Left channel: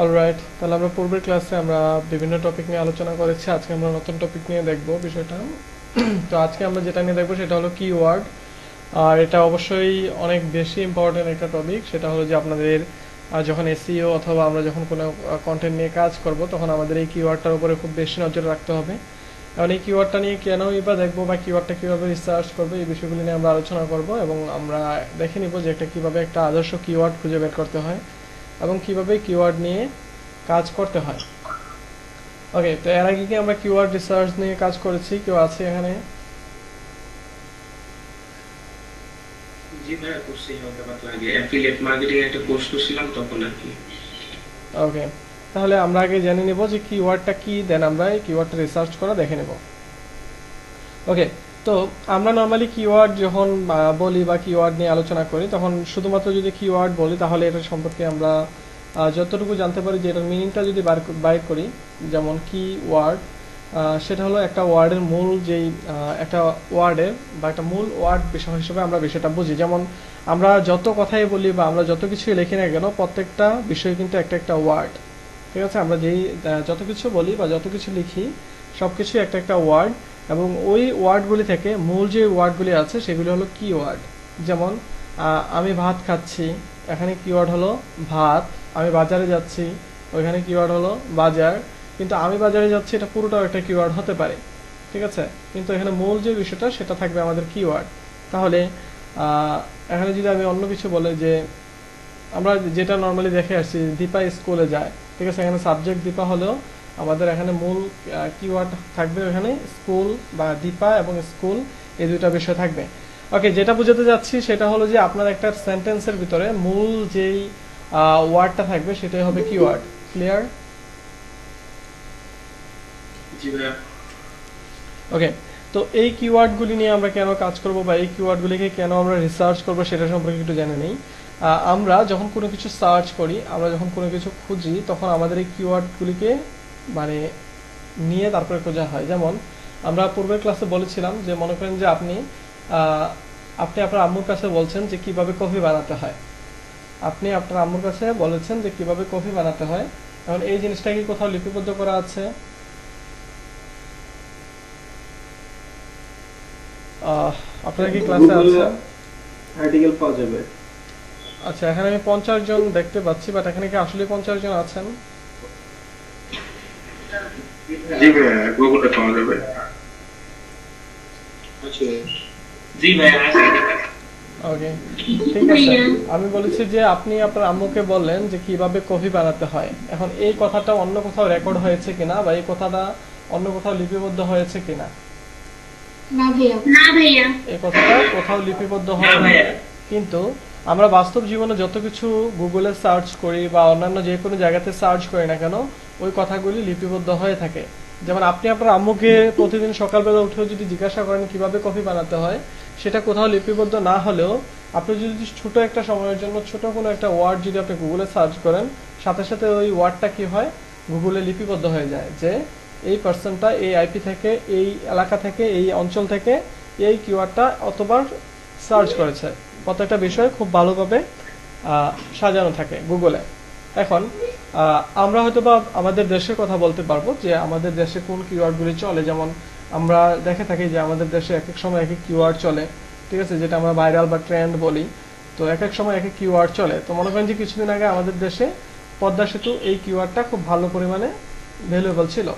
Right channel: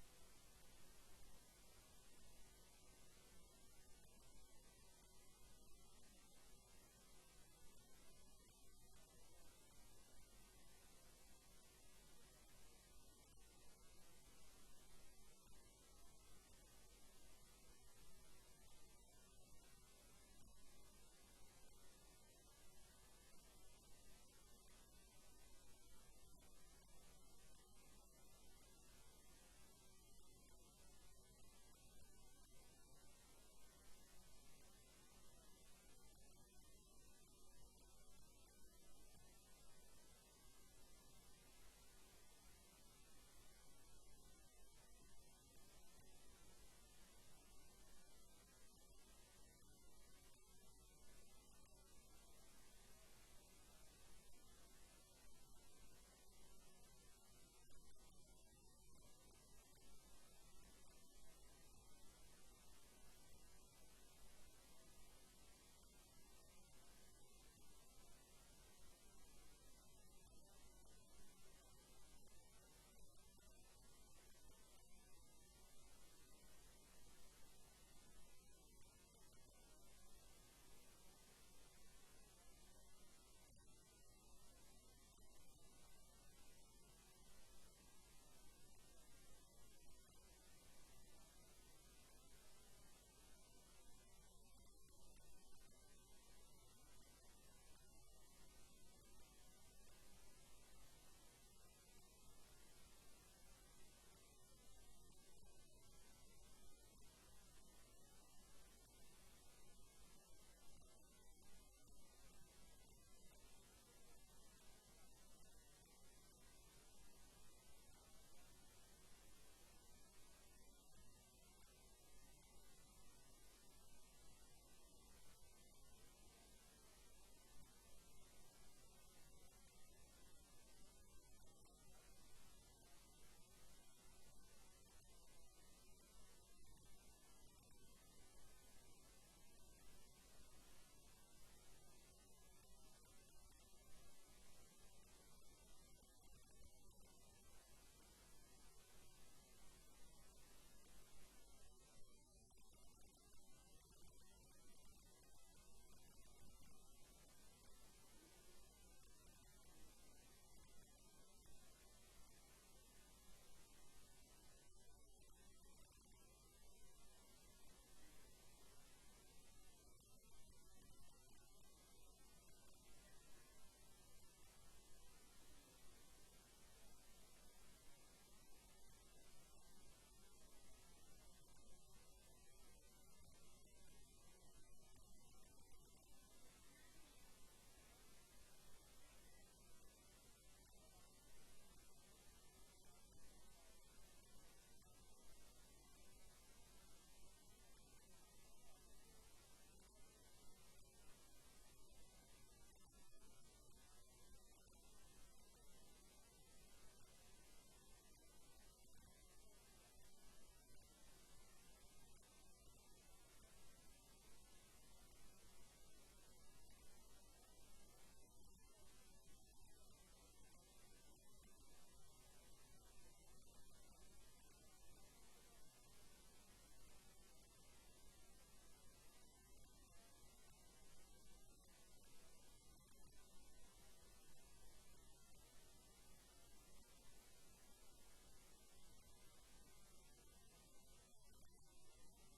Alright, তাহলে আমরা পূর্বের ক্লাসে আমরা বিভিন্ন টপিক নিয়ে আলোচনা করেছি। আজকে আমরা নতুন টপিক নিয়ে দেখব বিষয়টা। তো আজকে আমরা যেটা নিয়ে দেখবো সেটা হলো কিওয়ার্ড। আর এটা অবশ্যই অনেক বেশি ইম্পর্টেন্ট একটা টপিক। সেটা হলো যে আপনাদের যখন এসইও অথবা আমরা যখন কোনো কন্টেন্ট নিয়ে কাজ করব তখন আমাদের এই কিওয়ার্ডটার উপরে খুব বেশি নজর রাখতে হবে। এখন এই কিওয়ার্ডটা নিয়ে কেনই বা দেখবো বা কিওয়ার্ডটা কীভাবে রিসার্চ করবো এই বিষয়গুলি নিয়ে আমরা আলোচনা করব, এবং আমরা দেখে নিব যে একটা কীভাবে একটা আদর্শ কিওয়ার্ড খুঁজে বের করতে হয় এবং কীভাবে কিওয়ার্ড নিয়ে কাজ করতে হয়। ওকে, তো এর আগে কি আমরা কিওয়ার্ড রিসার্চ নিয়ে কাজ করেছি? কেউ আছে এখানে? জি ভাইয়া, করছি হালকা পাতলা। আগে অ্যাফিলিয়েট মার্কেটিং একটা কোর্স করছিলাম তখন আর কি। ওকে, তাহলে আমরা আগে জেনে নেব যে কিওয়ার্ডটা কি, দেন আমরা এই কিওয়ার্ডটা রিসার্চ করা দেখে নেব। ওকে, তো আমরা নর্মালি কিওয়ার্ড যখন বলি বা কিওয়ার্ড নিয়ে আলোচনা করি তখন শুধুমাত্র যদি কিওয়ার্ড বলি তাহলে এটা সম্পর্কে আমরা যতটুকু জানতে পারি যে এটার মিনিংটা যদি বাইর করি, যেমন কি ওয়ার্ড, সেটা হলো একটা ওয়ার্ডের মূল যেই একটা ওয়ার্ডের বা একটা মূল ওয়ার্ড বিষয় হিসেবে আমরা বিষয়টা বুঝি। যেমন আমরা যত কথাই বলি বা আমরা যত কিছুই লিখি না কেন, প্রত্যেকটা বিষয় কিন্তু একটা একটা ওয়ার্ড। ঠিক আছে, আমরা যেই যত কিছু বলি বা যত কিছু লিখি সব কিছুই একটা একটা ওয়ার্ড, এবং ওই ওয়ার্ডগুলি থেকে মূল যে ওয়ার্ডগুলি আছে সেগুলি হলো কি ওয়ার্ড। যেমন আমি ভাত খাচ্ছি, এখানে কিওয়ার্ড হলো ভাত। আমি বাজারে যাচ্ছি, ওইখানে কিওয়ার্ড হলো বাজার। কিন্তু আমি বাজারে যাচ্ছি এটা পুরোটাও একটা কিওয়ার্ড হতে পারে। ঠিক আছে, কিন্তু এখানে মূল যে বিষয়টা সেটা থাকবে আমাদের কিওয়ার্ড। তাহলে এখানে যদি আমি অন্য কিছু বলে যে আমরা যেটা নর্মালি দেখে আসছি, দীপা স্কুলে যায়। ঠিক আছে, এখানে সাবজেক্ট দীপা হলেও আমাদের এখানে মূল কিওয়ার্ড থাকবে এখানে স্কুল বা দীপা এবং স্কুল, এই দুইটা বিষয় থাকবে। ওকে, যেটা বোঝাতে যাচ্ছি সেটা হলো যে আপনার একটা সেন্টেন্সের ভিতরে মূল যেই ওয়ার্ডটা থাকবে সেটাই হবে কিওয়ার্ড। ক্লিয়ার? জি ভাইয়া। ওকে, তো এই কিওয়ার্ডগুলি নিয়ে আমরা কেন কাজ করব বা এই কিওয়ার্ডগুলিকে কেন আমরা রিসার্চ করব সেটা সম্পর্কে একটু জেনে নেই। আমরা যখন কোনো কিছু সার্চ করি, আমরা যখন কোনো কিছু খুঁজি, তখন আমাদের এই কিওয়ার্ডগুলিকে মানে নিয়ে তারপরে খোঁজা হয়। যেমন আমরা পূর্বের ক্লাসে বলেছিলাম যে মনে করেন যে আহ, আপনি আপনার আম্মুর কাছে বলছেন যে কিভাবে কফি বানাতে হয়। আপনি আপনার আম্মুর কাছে বলেছেন যে কিভাবে কফি বানাতে হয়। এখন এই জিনিসটা কি কোথাও লিপিবদ্ধ করা আছে? আহ, আপনারা কি ক্লাসে গুগলে আছেন? আর্টিকেল পাওয়া যাবে। আচ্ছা, এখানে আমি 50 জন দেখতে পাচ্ছি, বাট এখানে কি আসলে 50 জন আছেন? জি ভাইয়া, গুগলে পাওয়া যাবে। আচ্ছা। জি ভাইয়া, আছে। ওকে, ঠিক আছে। আমি বলেছি যে আপনি আপনার আম্মুকে বললেন যে কিভাবে কফি বানাতে হয়। এখন এই কথাটা অন্য কোথাও রেকর্ড হয়েছে কিনা বা এই কথাটা অন্য কোথাও লিপিবদ্ধ হয়েছে কিনা? না ভাইয়া, না ভাইয়া। এই কথাটা কোথাও লিপিবদ্ধ না হয় না। ভাইয়া। কিন্তু আমরা বাস্তব জীবনে যত কিছু গুগলে সার্চ করি বা অন্যান্য যে কোনো জায়গাতে সার্চ করি না কেন, ওই কথাগুলি লিপিবদ্ধ হয়ে থাকে। যেমন আপনি আপনার আম্মুকে প্রতিদিন সকালবেলা উঠেও যদি জিজ্ঞাসা করেন কিভাবে কফি বানাতে হয়, সেটা কোথাও লিপিবদ্ধ না হলেও আপনি যদি ছোট একটা সময়ের জন্য ছোট কোনো একটা ওয়ার্ড যদি আপনি গুগলে সার্চ করেন, সাথে সাথে ওই ওয়ার্ডটা কি হয়, গুগলে লিপিবদ্ধ হয়ে যায় যে এই পার্সনটা এই আইপি থেকে, এই এলাকা থেকে, এই অঞ্চল থেকে এই কিওয়ার্ডটা অতবার সার্চ করেছে। প্রত্যেকটা বিষয় খুব ভালোভাবে সাজানো থাকে গুগলে। এখন আমরা হয়তোবা আমাদের দেশের কথা বলতে পারবো যে আমাদের দেশে কোন কিওয়ার্ডগুলি চলে। যেমন আমরা দেখে থাকি যে আমাদের দেশে এক এক সময় এক এক কিওয়ার্ড চলে। ঠিক আছে, যেটা আমরা ভাইরাল বা ট্রেন্ড বলি। তো এক এক সময় এক এক কিওয়ার্ড চলে। তো মনে করেন যে কিছুদিন আগে আমাদের দেশে পদ্মা সেতু এই কিওয়ার্ডটা খুব ভালো পরিমাণে ভ্যালুয়েবল ছিল।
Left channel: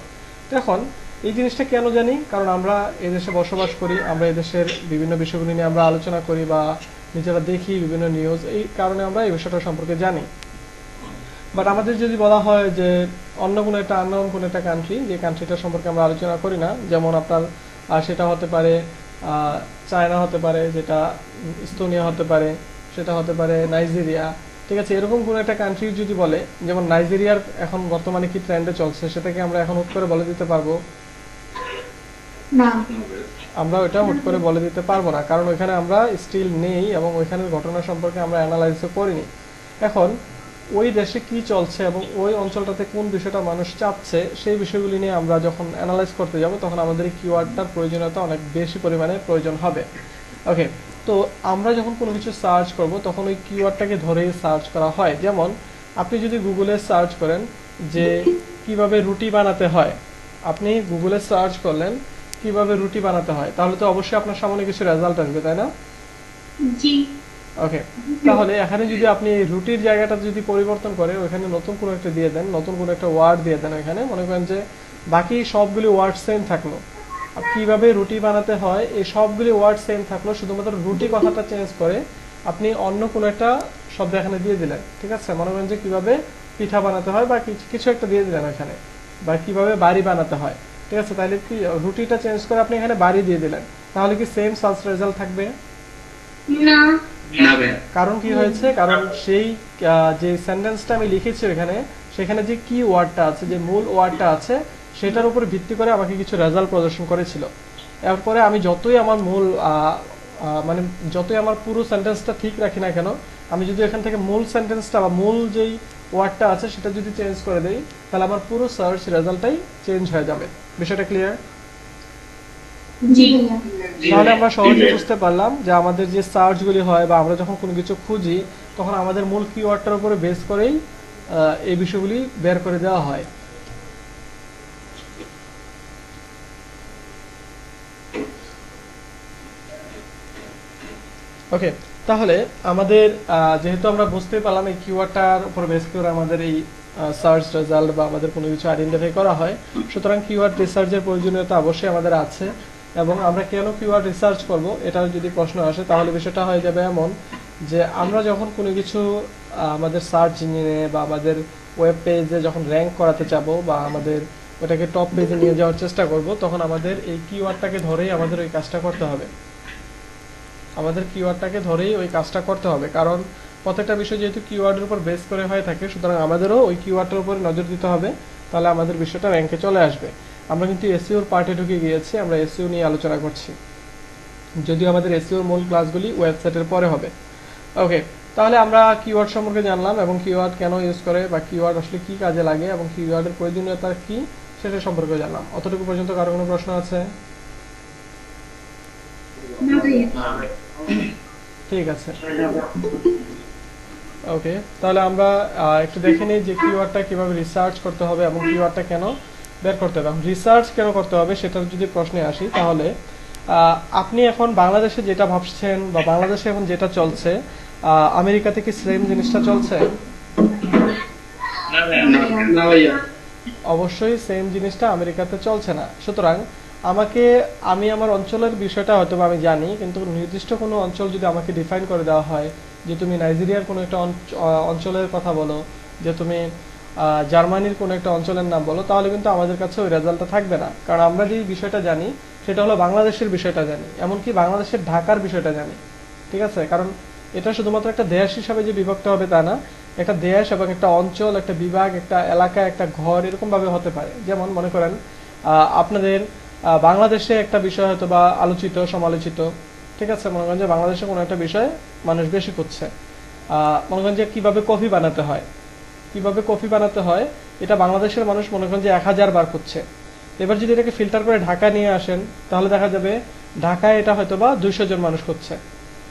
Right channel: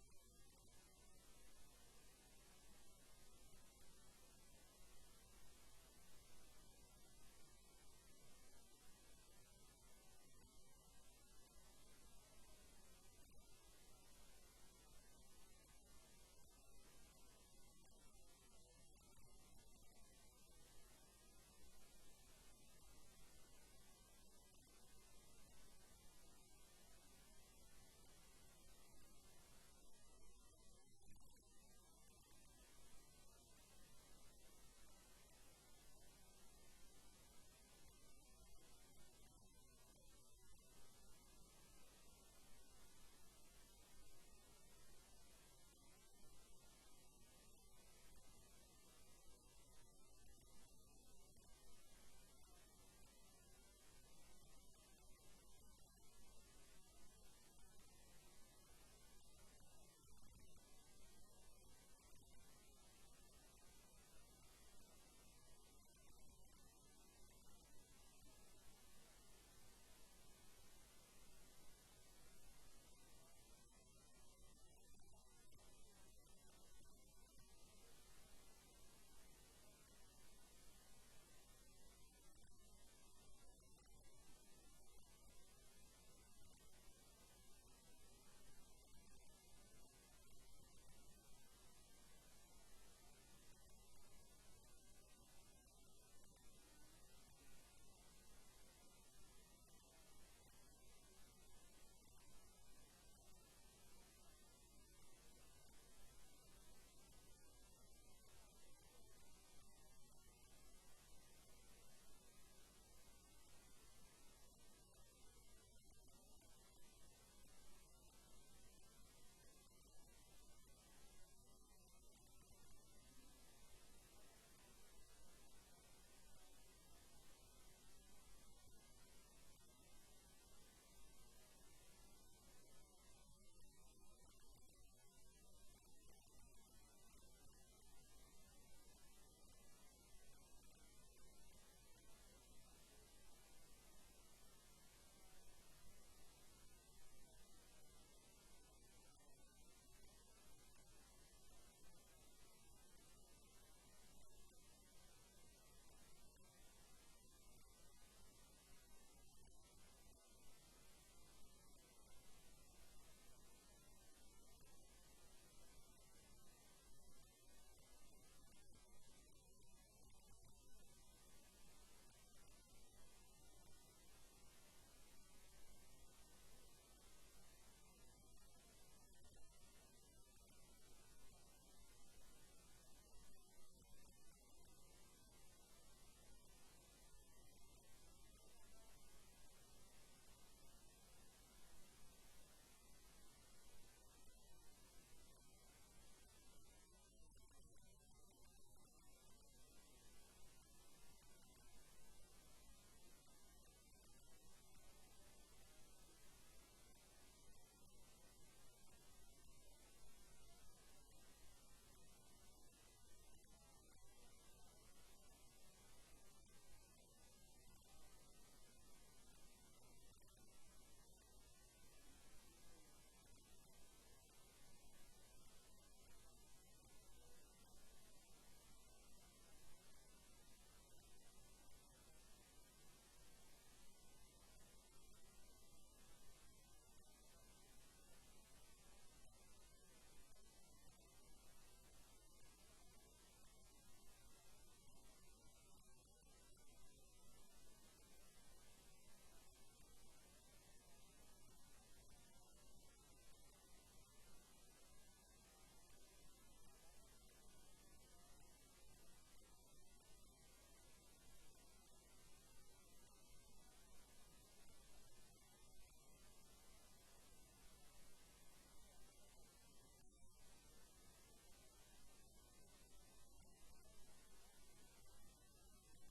তো এখন এই জিনিসটা কেন জানি, কারণ আমরা এই দেশে বসবাস করি, আমরা এই দেশের বিভিন্ন বিষয়গুলি নিয়ে আমরা আলোচনা করি বা নিজেরা দেখি বিভিন্ন নিউজ, এই কারণে আমরা এই বিষয়টা সম্পর্কে জানি। বাট আমাদের যদি বলা হয় যে অন্য কোনো একটা আননোন কোনো একটা কান্ট্রি, যে কান্ট্রিটা সম্পর্কে আমরা আলোচনা করি না, যেমন আপনার সেটা হতে পারে চায়না, হতে পারে যেটা ইস্তোনিয়া, হতে পারে সেটা হতে পারে নাইজেরিয়া। ঠিক আছে, এরকম কোনো একটা কান্ট্রি যদি বলে, যেমন নাইজেরিয়ার এখন বর্তমানে কি ট্রেন্ডে চলছে সেটাকে আমরা এখন হুট করে বলে দিতে পারবো? না। আমরা ওইটা হুট করে বলে দিতে পারবো না, কারণ ওইখানে আমরা স্টিল নেই এবং ওইখানের ঘটনা সম্পর্কে আমরা অ্যানালাইজও করিনি। এখন ওই দেশে কি চলছে এবং ওই অঞ্চলটাতে কোন বিষয়টা মানুষ চাচ্ছে সেই বিষয়গুলি নিয়ে আমরা যখন অ্যানালাইজ করতে যাব তখন আমাদের এই কিওয়ার্ডটার প্রয়োজনীয়তা অনেক বেশি পরিমাণে প্রয়োজন হবে। ওকে, তো আমরা যখন কোনো কিছু সার্চ করব তখন ওই কিওয়ার্ডটাকে ধরেই সার্চ করা হয়। যেমন আপনি যদি গুগলে সার্চ করেন যে কিভাবে রুটি বানাতে হয়, আপনি গুগলে সার্চ করলেন কিভাবে রুটি বানাতে হয়, তাহলে তো অবশ্যই আপনার সামনে কিছু রেজাল্ট আসবে, তাই না? জি। ওকে, তাহলে এখানে যদি আপনি এই রুটির জায়গাটা যদি পরিবর্তন করে ওখানে নতুন কোনো একটা দিয়ে দেন, নতুন কোনো একটা ওয়ার্ড দিয়ে দেন, ওখানে মনে করেন যে বাকি সবগুলি ওয়ার্ড সেম থাকলো, আর কিভাবে রুটি বানাতে হয় এই সবগুলি ওয়ার্ড সেম থাকলো, শুধুমাত্র রুটি কথাটা চেঞ্জ করে আপনি অন্য কোনো একটা শব্দ এখানে দিয়ে দিলেন, ঠিক আছে? মনে করেন যে কিভাবে পিঠা বানাতে হয় বা কিছু একটা দিয়ে দিলেন এখানে, বা কিভাবে বাড়ি বানাতে হয়, ঠিক আছে? তাহলে কি রুটিটা চেঞ্জ করে আপনি এখানে বাড়ি দিয়ে দিলেন, তাহলে কি সেম সার্চ রেজাল্ট থাকবে? না। না ভাইয়া। কারণ কি হয়েছে, কারণ সেই যে সেন্টেন্সটা আমি লিখেছি এখানে, সেখানে যে কি ওয়ার্ডটা আছে, যে মূল ওয়ার্ডটা আছে, সেটার উপর ভিত্তি করে আমাকে কিছু রেজাল্ট প্রদর্শন করেছিল। এরপরে আমি যতই আমার মূল মানে যতই আমার পুরো সেন্টেন্সটা ঠিক রাখি না কেন, আমি যদি এখান থেকে মূল সেন্টেন্সটা বা মূল যেই ওয়ার্ডটা আছে সেটা যদি চেঞ্জ করে দেই, তাহলে আমার পুরো সার্চ রেজাল্টটাই চেঞ্জ হয়ে যাবে। বিষয়টা ক্লিয়ার? জি। তাহলে আমরা সহজে বুঝতে পারলাম যে আমাদের যে সার্চগুলি হয় বা আমরা যখন কোনো কিছু খুঁজি, তখন আমাদের মূল কিওয়ার্ডটার উপরে বেস করেই এই বিষয়গুলি বের করে দেওয়া হয়। ওকে, তাহলে আমাদের যেহেতু আমরা বুঝতে পারলাম এই কিওয়ার্ডটার উপর বেস করে আমাদের এই সার্চ রেজাল্ট বা আমাদের কোনো কিছু আইডেন্টিফাই করা হয়, সুতরাং কিওয়ার্ড রিসার্চের প্রয়োজনীয়তা অবশ্যই আমাদের আছে। এবং আমরা কেন কিওয়ার্ড রিসার্চ করব, এটার যদি প্রশ্ন আসে তাহলে বিষয়টা হয়ে যাবে এমন যে আমরা যখন কোনো কিছু আমাদের সার্চ ইঞ্জিনে বা আমাদের ওয়েব পেজে যখন র্যাঙ্ক করাতে চাবো বা আমাদের ওটাকে টপ পেজে নিয়ে যাওয়ার চেষ্টা করব, তখন আমাদের এই কিওয়ার্ডটাকে ধরেই আমাদের ওই কাজটা করতে হবে। আমাদের কিওয়ার্ডটাকে ধরেই ওই কাজটা করতে হবে, কারণ প্রত্যেকটা বিষয় যেহেতু কিওয়ার্ডের উপর বেস করে হয়ে থাকে, সুতরাং আমাদেরও ওই কিওয়ার্ডের উপর নজর দিতে হবে, তাহলে আমাদের বিষয়টা র্যাঙ্কে চলে আসবে। আমরা কিন্তু এসইওর পার্টে ঢুকে গিয়েছি, আমরা এসইও নিয়ে আলোচনা করছি, যদিও আমাদের এসইওর মূল ক্লাসগুলি ওয়েবসাইটের পরে হবে। ওকে, তাহলে আমরা কিওয়ার্ড সম্পর্কে জানলাম এবং কিওয়ার্ড কেন ইউজ করে বা কিওয়ার্ড আসলে কি কাজে লাগে এবং কিওয়ার্ডের প্রয়োজনীয়তা কি সেটা সম্পর্কে জানলাম। অতটুকু পর্যন্ত কারো কোনো প্রশ্ন আছে? না ভাইয়া। ঠিক আছে, ওকে, তাহলে আমরা একটু দেখে নিই যে কিওয়ার্ডটা কিভাবে রিসার্চ করতে হবে এবং কিওয়ার্ডটা কেন বের করতে হবে। রিসার্চ কেন করতে হবে সেটা যদি প্রশ্নে আসি, তাহলে আপনি এখন বাংলাদেশে যেটা ভাবছেন বা বাংলাদেশে এখন যেটা চলছে, আমেরিকাতে কি সেম জিনিসটা চলছে? না ভাইয়া। অবশ্যই সেম জিনিসটা আমেরিকাতে চলছে না। সুতরাং আমি আমার অঞ্চলের বিষয়টা হয়তো আমি জানি, কিন্তু নির্দিষ্ট কোনো অঞ্চল যদি আমাকে ডিফাইন করে দেওয়া হয় যে তুমি নাইজেরিয়ার কোনো একটা অঞ্চলের কথা বলো, যে তুমি জার্মানির কোনো একটা অঞ্চলের নাম বলো, তাহলে কিন্তু আমাদের কাছে ওই রেজাল্টটা থাকবে না, কারণ আমরা যে বিষয়টা জানি সেটা হলো বাংলাদেশের বিষয়টা জানি, এমনকি বাংলাদেশের ঢাকার বিষয়টা জানি, ঠিক আছে? কারণ এটা শুধুমাত্র একটা দেশ হিসাবে যে বিভক্ত হবে তা না, একটা দেশ এবং একটা অঞ্চল, একটা বিভাগ, একটা এলাকা, একটা ঘর এরকম ভাবে হতে পারে। যেমন মনে করেন আপনাদের বাংলাদেশে একটা বিষয় হয়তো বা আলোচিত সমালোচিত, ঠিক আছে? মনে করেন যে বাংলাদেশে কোনো একটা বিষয় মানুষ বেশি করছে, মনে করেন যে কিভাবে কফি বানাতে হয়, কিভাবে কফি বানাতে হয় এটা বাংলাদেশের মানুষ মনে করেন যে 1000 বার করছে। এবার যদি এটাকে ফিল্টার করে ঢাকা নিয়ে আসেন, তাহলে দেখা যাবে ঢাকায় এটা হয়তো বা 200 জন মানুষ করছে।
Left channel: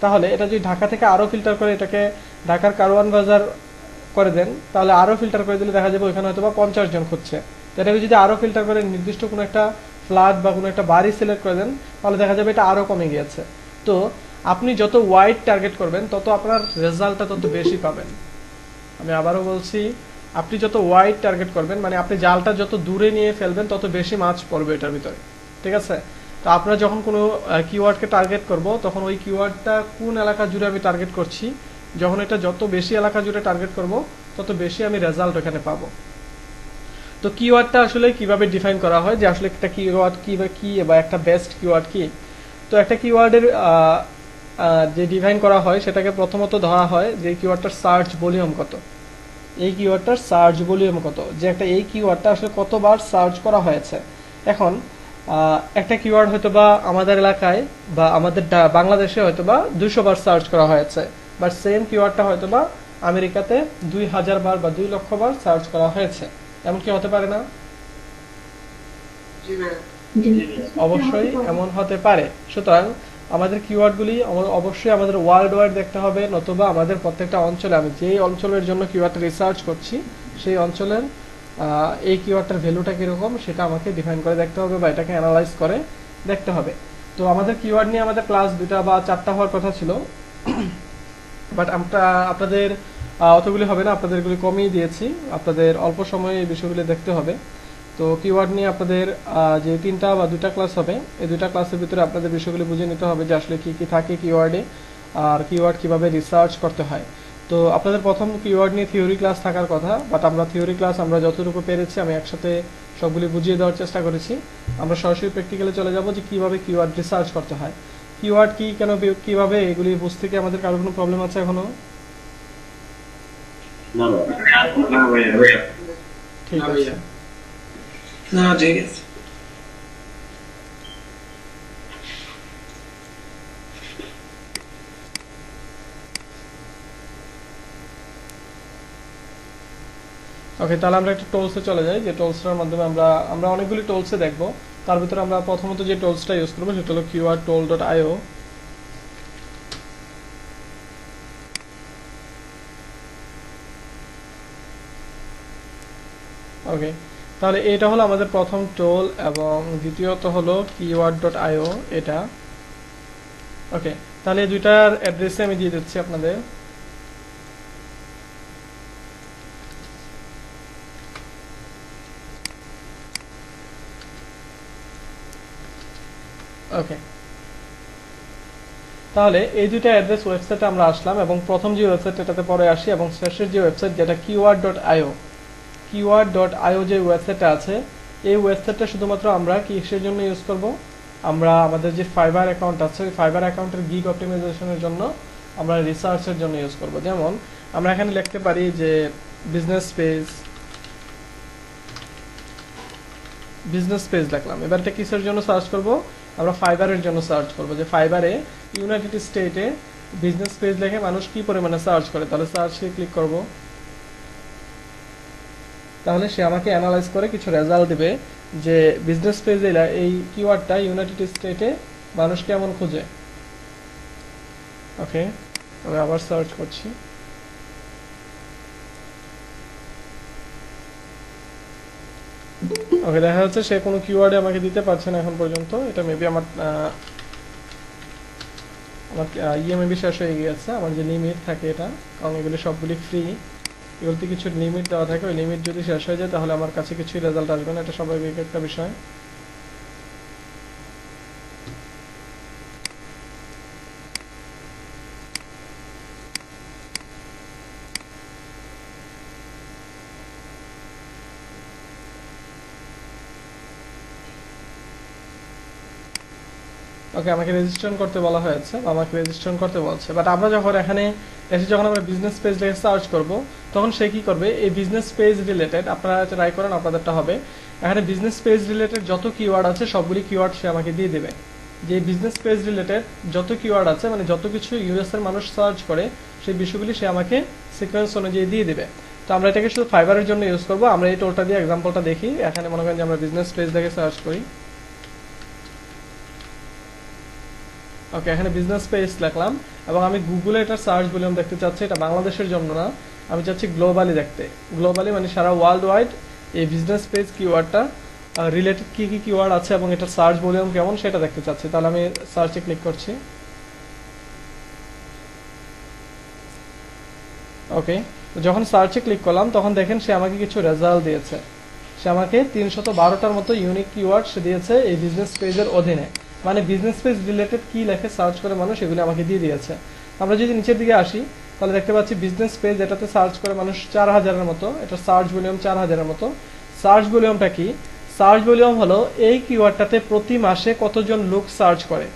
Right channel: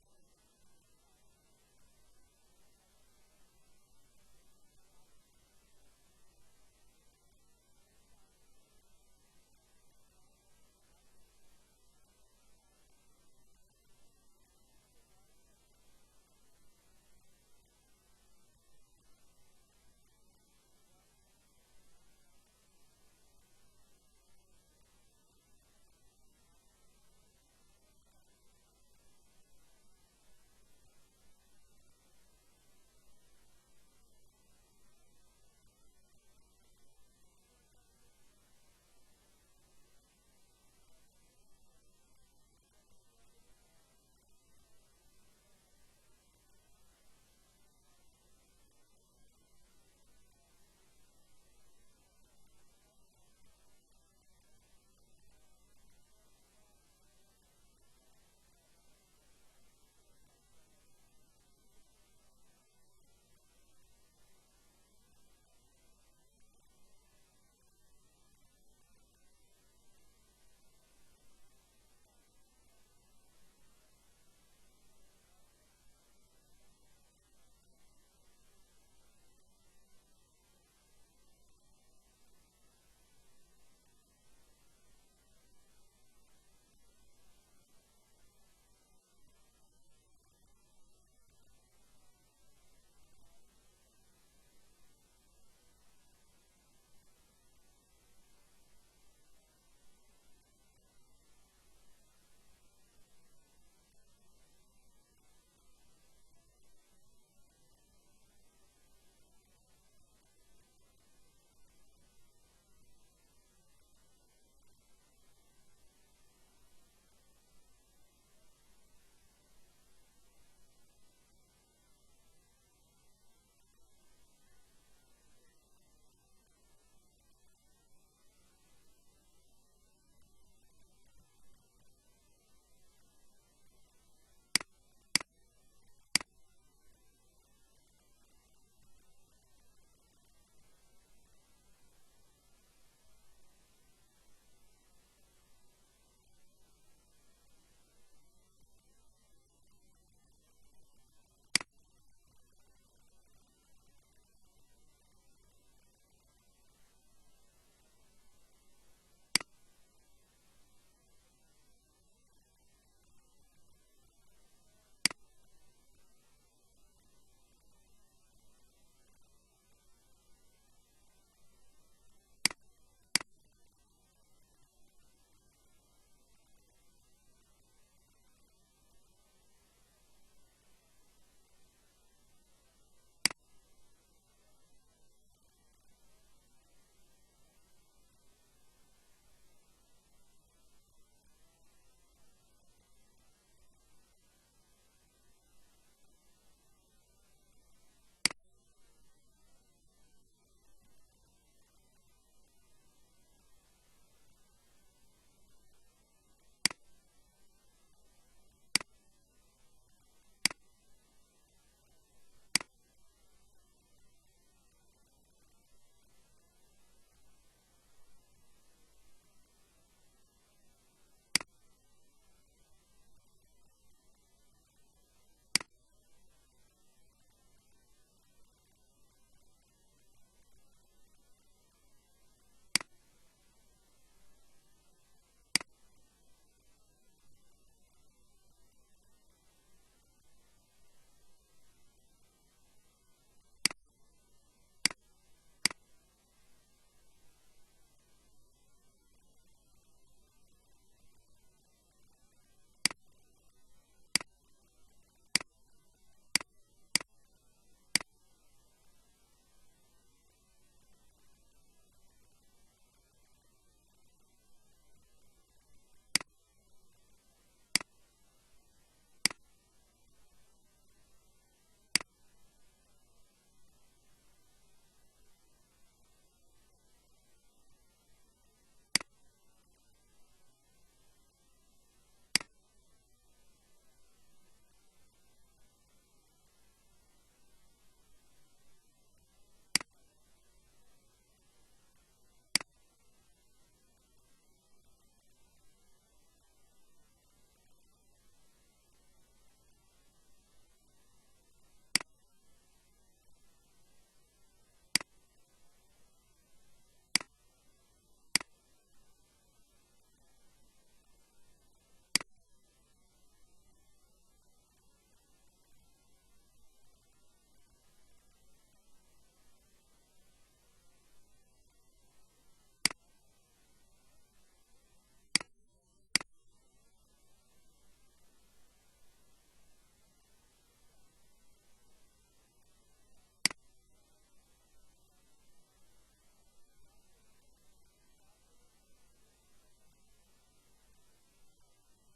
তাহলে এটা যদি ঢাকা থেকে আরো ফিল্টার করে এটাকে ঢাকার কারওয়ান বাজার করে দেন, তাহলে আরো ফিল্টার করে দিলে দেখা যাবে ওখানে হয়তো বা 50 জন খুঁজছে। এটাকে যদি আরো ফিল্টার করে নির্দিষ্ট কোনো একটা ফ্ল্যাট বা কোনো একটা বাড়ি সিলেক্ট করে দেন, তাহলে দেখা যাবে এটা আরো কমে গিয়েছে। তো আপনি যত ওয়াইড টার্গেট করবেন তত আপনার রেজাল্টটা তত বেশি পাবেন। আমি আবারও বলছি, আপনি যত ওয়াইড টার্গেট করবেন, মানে আপনি জালটা যত দূরে নিয়ে ফেলবেন তত বেশি মাছ পড়বে এটার ভিতরে, ঠিক আছে? তো আপনারা যখন কোনো কিওয়ার্ডকে টার্গেট করব, তখন ওই কিওয়ার্ডটা কোন এলাকা জুড়ে আমি টার্গেট করছি, যখন এটা যত বেশি এলাকা জুড়ে টার্গেট করব তত বেশি আমি রেজাল্ট ওখানে পাবো। তো কিওয়ার্ডটা আসলে কিভাবে ডিফাইন করা হয়, যে আসলে একটা কিওয়ার্ড কি বা কি বা একটা বেস্ট কিওয়ার্ড কি? তো একটা কিওয়ার্ডের যে ডিফাইন করা হয় সেটাকে প্রথমত ধরা হয় যে কিওয়ার্ডটার সার্চ ভলিউম কত, এই কিওয়ার্ডটার সার্চ ভলিউম কত, যে একটা এই কিওয়ার্ডটা আসলে কতবার সার্চ করা হয়েছে। এখন একটা কিওয়ার্ড হয়তো বা আমাদের এলাকায় বা আমাদের বাংলাদেশে হয়তো বা 200 বার সার্চ করা হয়েছে, বাট সেম কিওয়ার্ডটা হয়তো বা আমেরিকাতে 2000 বার বা 2 লক্ষ বার সার্চ করা হয়েছে। এমন কি হতে পারে না? অবশ্যই এমন হতে পারে। সুতরাং আমাদের কিওয়ার্ডগুলি অবশ্যই আমাদের ওয়ার্ল্ড ওয়াইড দেখতে হবে, নতুবা আমাদের প্রত্যেকটা অঞ্চলে আমি যেই অঞ্চলের জন্য কিওয়ার্ডটা রিসার্চ করছি সেই অঞ্চলের এই কিওয়ার্ডটার ভ্যালুটা কীরকম সেটা আমাকে ডিফাইন করে দেখতে হবে বা এটাকে অ্যানালাইজ করে দেখতে হবে। তো আমাদের কিওয়ার্ড নিয়ে আমাদের ক্লাস 2টা বা 4টা হওয়ার কথা ছিল, বাট আমরা আপনাদের অতগুলি হবে না, আপনাদেরগুলি কমিয়ে দিয়েছি। আপনাদের অল্প সময়ে এই বিষয়গুলি দেখতে হবে। তো কিওয়ার্ড নিয়ে আপনাদের যে 3টা বা 2টা ক্লাস হবে, এই 2টা ক্লাসের ভিতরে আপনাদের বিষয়গুলি বুঝে নিতে হবে যে আসলে কি কি থাকে কিওয়ার্ডে, আর কিওয়ার্ড কিভাবে রিসার্চ করতে হয়। তো আপনাদের প্রথম কিওয়ার্ড নিয়ে থিওরি ক্লাস থাকার কথা, বাট আমরা থিওরি ক্লাস আমরা যতটুকু পেরেছি আমি একসাথে সবগুলি বুঝিয়ে দেওয়ার চেষ্টা করেছি। আমরা সরাসরি প্র্যাকটিক্যালে চলে যাব যে কিভাবে কিওয়ার্ড রিসার্চ করতে হয়, কিওয়ার্ড কি, কেন, কিভাবে, এগুলি বুঝতে কি আমাদের কারো কোনো প্রবলেম আছে এখনো? না ভাইয়া ঠিক না আছে। ভাইয়া। না ঠিক আছে। ওকে, তাহলে আমরা একটা টোলসে চলে যাই, যে টোলসটার মাধ্যমে আমরা অনেকগুলি টোলসে দেখব। তার ভিতরে আমরা প্রথমত যে টোলসটা ইউজ করবো সেটা হলো keywordtool.io। ওকে, তাহলে এটা হলো আমাদের প্রথম টোল, এবং দ্বিতীয়ত হলো keyword.io এটা। ওকে, তাহলে এই দুইটার অ্যাড্রেসে আমি দিয়ে দিচ্ছি আপনাদের। ওকে, তাহলে এই দুইটা অ্যাড্রেস ওয়েবসাইটে আমরা আসলাম, এবং প্রথম যে ওয়েবসাইট এটাতে পরে আসি, এবং শেষের যে ওয়েবসাইট যেটা keyword.io, keyword.io যে ওয়েবসাইটটা আছে, এই ওয়েবসাইটটা শুধুমাত্র আমরা কিসের জন্য ইউজ করব? আমরা আমাদের যে ফাইবার অ্যাকাউন্ট আছে ওই ফাইবার অ্যাকাউন্টের গিগ অপটিমাইজেশনের জন্য আমরা রিসার্চের জন্য ইউজ করব। যেমন আমরা এখানে লিখতে পারি যে বিজনেস পেজ লিখলাম। এবার এটা কিসের জন্য সার্চ করব? আমরা ফাইবারের জন্য সার্চ করব, যে ফাইবারে ইউনাইটেড স্টেটে বিজনেস পেজ লিখে মানুষ কি পরিমাণে সার্চ করে। তাহলে সার্চে ক্লিক করব, তাহলে সে আমাকে অ্যানালাইজ করে কিছু রেজাল্ট দিবে যে বিজনেস পেজ এই কিওয়ার্ডটা ইউনাইটেড স্টেটে মানুষ কেমন খুঁজে। ওকে, আমি আবার সার্চ করছি। ওকে, দেখা যাচ্ছে সে কোনো কিওয়ার্ডে আমাকে দিতে পারছে না এখন পর্যন্ত। এটা মেবি আমার ইএমআইবি শেষ হয়ে গিয়েছে, আমার যে লিমিট থাকে এটা, কারণ এগুলি সবগুলি ফ্রি, এগুলোতে কিছু লিমিট দেওয়া থাকে। ওই লিমিট যদি শেষ হয়ে যায় তাহলে আমার কাছে কিছুই রেজাল্ট আসবে না, এটা স্বাভাবিক একটা বিষয়। ওকে, আমাকে রেজিস্ট্রেশন করতে বলা হয়েছে, আমাকে রেজিস্ট্রেশন করতে বলছে। বাট আমরা যখন এখানে এসে যখন আমরা বিজনেস পেজ লিখে সার্চ করব, তখন সে কি করবে? এই বিজনেস পেজ রিলেটেড, আপনারা ট্রাই করেন আপনাদেরটা হবে, এখানে বিজনেস পেজ রিলেটেড যত কিওয়ার্ড আছে সবগুলি কিওয়ার্ড সে আমাকে দিয়ে দেবে। যে বিজনেস পেজ রিলেটেড যত কিওয়ার্ড আছে, মানে যত কিছু ইউএস এর মানুষ সার্চ করে, সেই বিষয়গুলি সে আমাকে সিকোয়েন্স অনুযায়ী দিয়ে দিবে। তো আমরা এটাকে শুধু ফাইবারের জন্য ইউজ করবো। আমরা এই টোলটা দিয়ে এক্সাম্পলটা দেখি। এখানে মনে করেন যে আমরা বিজনেস পেজ দেখে সার্চ করি। ওকে, এখানে বিজনেস পেজ লিখলাম, এবং আমি গুগলে এটা সার্চ ভলিউম দেখতে চাচ্ছি। এটা বাংলাদেশের জন্য না, আমি চাচ্ছি গ্লোবালি দেখতে। গ্লোবালি মানে সারা ওয়ার্ল্ড ওয়াইড এই বিজনেস পেজ কিওয়ার্ডটা রিলেটেড কি কি কিওয়ার্ড আছে এবং এটা সার্চ ভলিউম কেমন সেটা দেখতে চাচ্ছি। তাহলে আমি সার্চে ক্লিক করছি। ওকে, যখন সার্চে ক্লিক করলাম তখন দেখেন সে আমাকে কিছু রেজাল্ট দিয়েছে। সে আমাকে 312টার মতো ইউনিক কিওয়ার্ড সে দিয়েছে এই বিজনেস পেজের অধীনে। মানে বিজনেস পেজ রিলেটেড কি লেখে সার্চ করে মানুষ, এগুলো আমাকে দিয়ে দিয়েছে। আমরা যদি নিচের দিকে আসি তাহলে দেখতে পাচ্ছি বিজনেস পেজ, এটাতে সার্চ করে মানুষ 4000-এর মতো, এটা সার্চ ভলিউম 4000-এর মতো। সার্চ ভলিউমটা কি? সার্চ ভলিউম হলো এই কিওয়ার্ডটাতে প্রতি মাসে কতজন লোক সার্চ করে।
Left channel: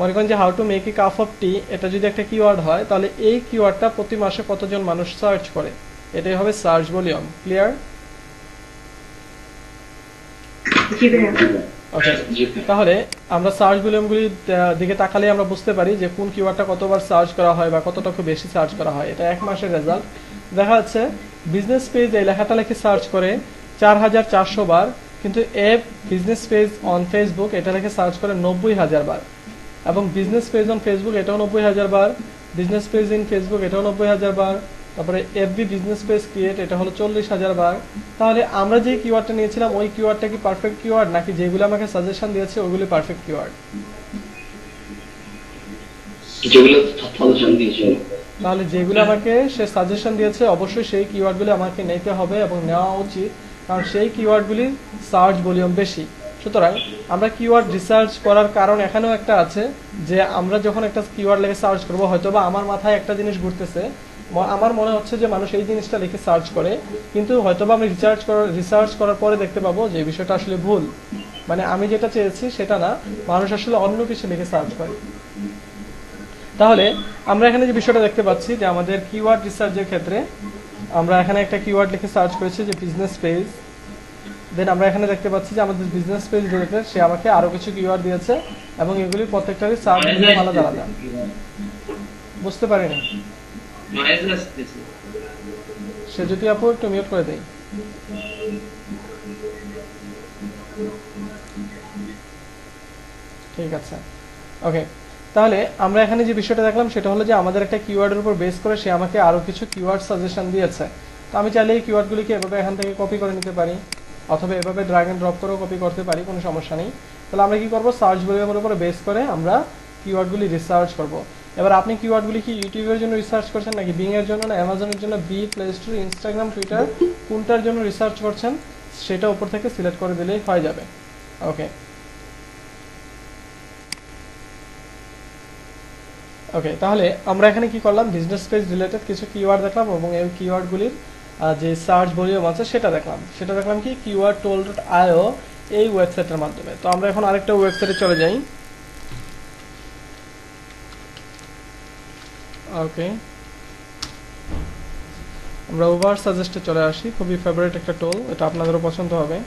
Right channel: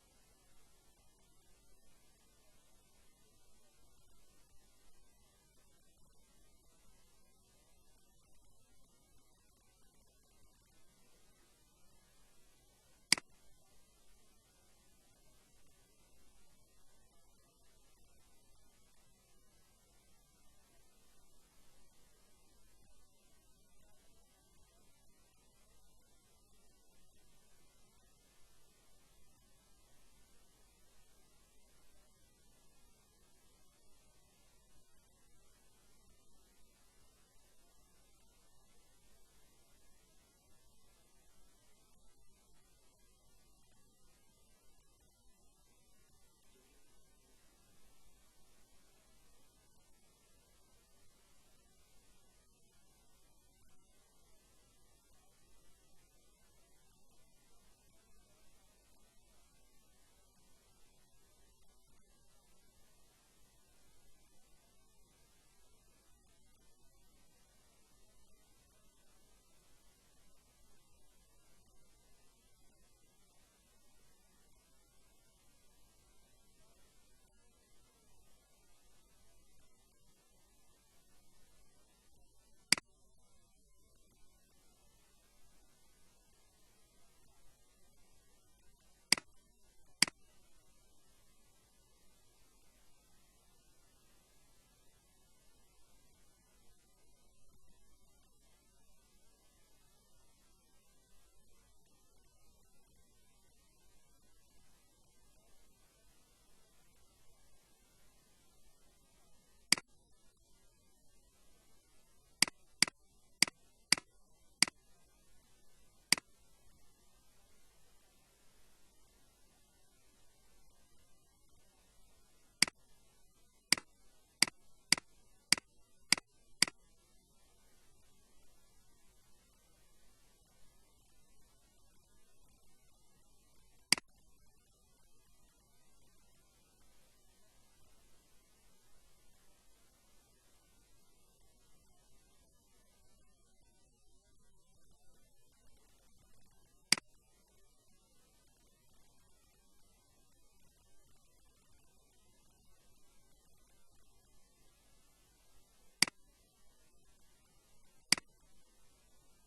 মনে করেন যে how to make a cup of tea, এটা যদি একটা কিওয়ার্ড হয় তাহলে এই কিওয়ার্ডটা প্রতি মাসে কতজন মানুষ সার্চ করে, এটাই হবে সার্চ ভলিউম। ক্লিয়ার? জি ভাইয়া। ওকে, তাহলে আমরা সার্চ ভলিউমগুলির দিকে তাকালে আমরা বুঝতে পারি যে কোন কিওয়ার্ডটা কতবার সার্চ করা হয় বা কতটুকু বেশি সার্চ করা হয়। এটা এক মাসের রেজাল্ট। দেখা যাচ্ছে বিজনেস পেজ এই লেখাটা লিখে সার্চ করে 4400 বার, কিন্তু বিজনেস পেজ অন ফেসবুক এটা লিখে সার্চ করে 90000 বার। এবং বিজনেস পেজ অন ফেসবুক এটাও 90,000 বার, বিজনেস পেজ ইন ফেসবুক এটাও 90,000 বার, তারপরে এফবি বিজনেস পেজ ক্রিয়েট এটা হলো 40,000 বার। তাহলে আমরা যে কিওয়ার্ডটা নিয়েছিলাম ওই কিওয়ার্ডটা কি পারফেক্ট কিওয়ার্ড নাকি যেগুলো আমাকে সাজেশন দিয়েছে ওগুলি পারফেক্ট কিওয়ার্ড? যেগুলো সাজেশন দিয়েছিল। তাহলে যেগুলো আমাকে সে সাজেশন দিয়েছে অবশ্যই সেই কিওয়ার্ডগুলি আমাকে নিতে হবে এবং নেওয়া উচিত, কারণ সেই কিওয়ার্ডগুলির সার্চ ভলিউম বেশি। সুতরাং আমরা কিওয়ার্ড রিসার্চ করার কারণ এখানেও একটা আছে যে আমরা যখন একটা কিওয়ার্ড লিখে সার্চ করবো হয়তো বা আমার মাথায় একটা জিনিস ঘুরতেছে, আমার মনে হচ্ছে যে মানুষ এই জিনিসটা লিখে সার্চ করে, কিন্তু হয়তোবা আমি রিসার্চ করার পরে দেখতে পাবো যে এই বিষয়টা আসলে ভুল, মানে আমি যেটা চেয়েছি সেটা না, মানুষ আসলে অন্য কিছু লিখে সার্চ করে। তাহলে আমরা এখানে যে বিষয়টা দেখতে পাচ্ছি যে আমাদের কিওয়ার্ড রিসার্চের ক্ষেত্রে আমরা এখানে একটা কিওয়ার্ড লিখে সার্চ করেছি যে বিজনেস পেজ, দেন আমরা এখানে দেখতে পাচ্ছি যে আমাদের বিজনেস পেজ রিলেটেড সে আমাকে আরো কিছু কিওয়ার্ড দিয়েছে এবং এগুলি প্রত্যেকটারই সার্চ ভলিউম আলাদা আলাদা। বুঝতে পারিনি, সে যদি আপু একটু মিউট করে দেই। ঠিক আছে, ওকে। তাহলে আমরা এখানে যে বিষয়টা দেখলাম সেটা হলো যে আমাদের একটা কিওয়ার্ডের উপর বেস করে সে আমাকে আরো কিছু কিওয়ার্ড সাজেশন দিয়েছে। তো আমি চাইলে এই কিওয়ার্ডগুলিকে এভাবে এখান থেকে কপি করে নিতে পারি অথবা এভাবে ড্র্যাগ এন্ড ড্রপ করেও কপি করতে পারি, কোনো সমস্যা নেই। তাহলে আমরা কি করব, সার্চ ভলিউমের উপর বেস করে আমরা কিওয়ার্ডগুলি রিসার্চ করব। এবার আপনি কিওয়ার্ডগুলি কি ইউটিউবের জন্য রিসার্চ করছেন নাকি বিং এর জন্য না অ্যামাজনের জন্য, বি, প্লে স্টোর, ইনস্টাগ্রাম, টুইটার কোনটার জন্য রিসার্চ করছেন সেটা উপর থেকে সিলেক্ট করে দিলেই হয়ে যাবে। ওকে ওকে, তাহলে আমরা এখানে কি করলাম, বিজনেস পেজ রিলেটেড কিছু কিওয়ার্ড দেখলাম এবং এই কিওয়ার্ডগুলির যে সার্চ ভলিউম আছে সেটা দেখলাম কি keywordtool.io এই ওয়েবসাইটের মাধ্যমে। তো আমরা এখন আরেকটা ওয়েবসাইটে চলে যাই। ওকে, আমরা ওভার সাজেস্টে চলে আসি, খুবই ফেভারিট একটা টুল, এটা আপনাদেরও পছন্দ হবে।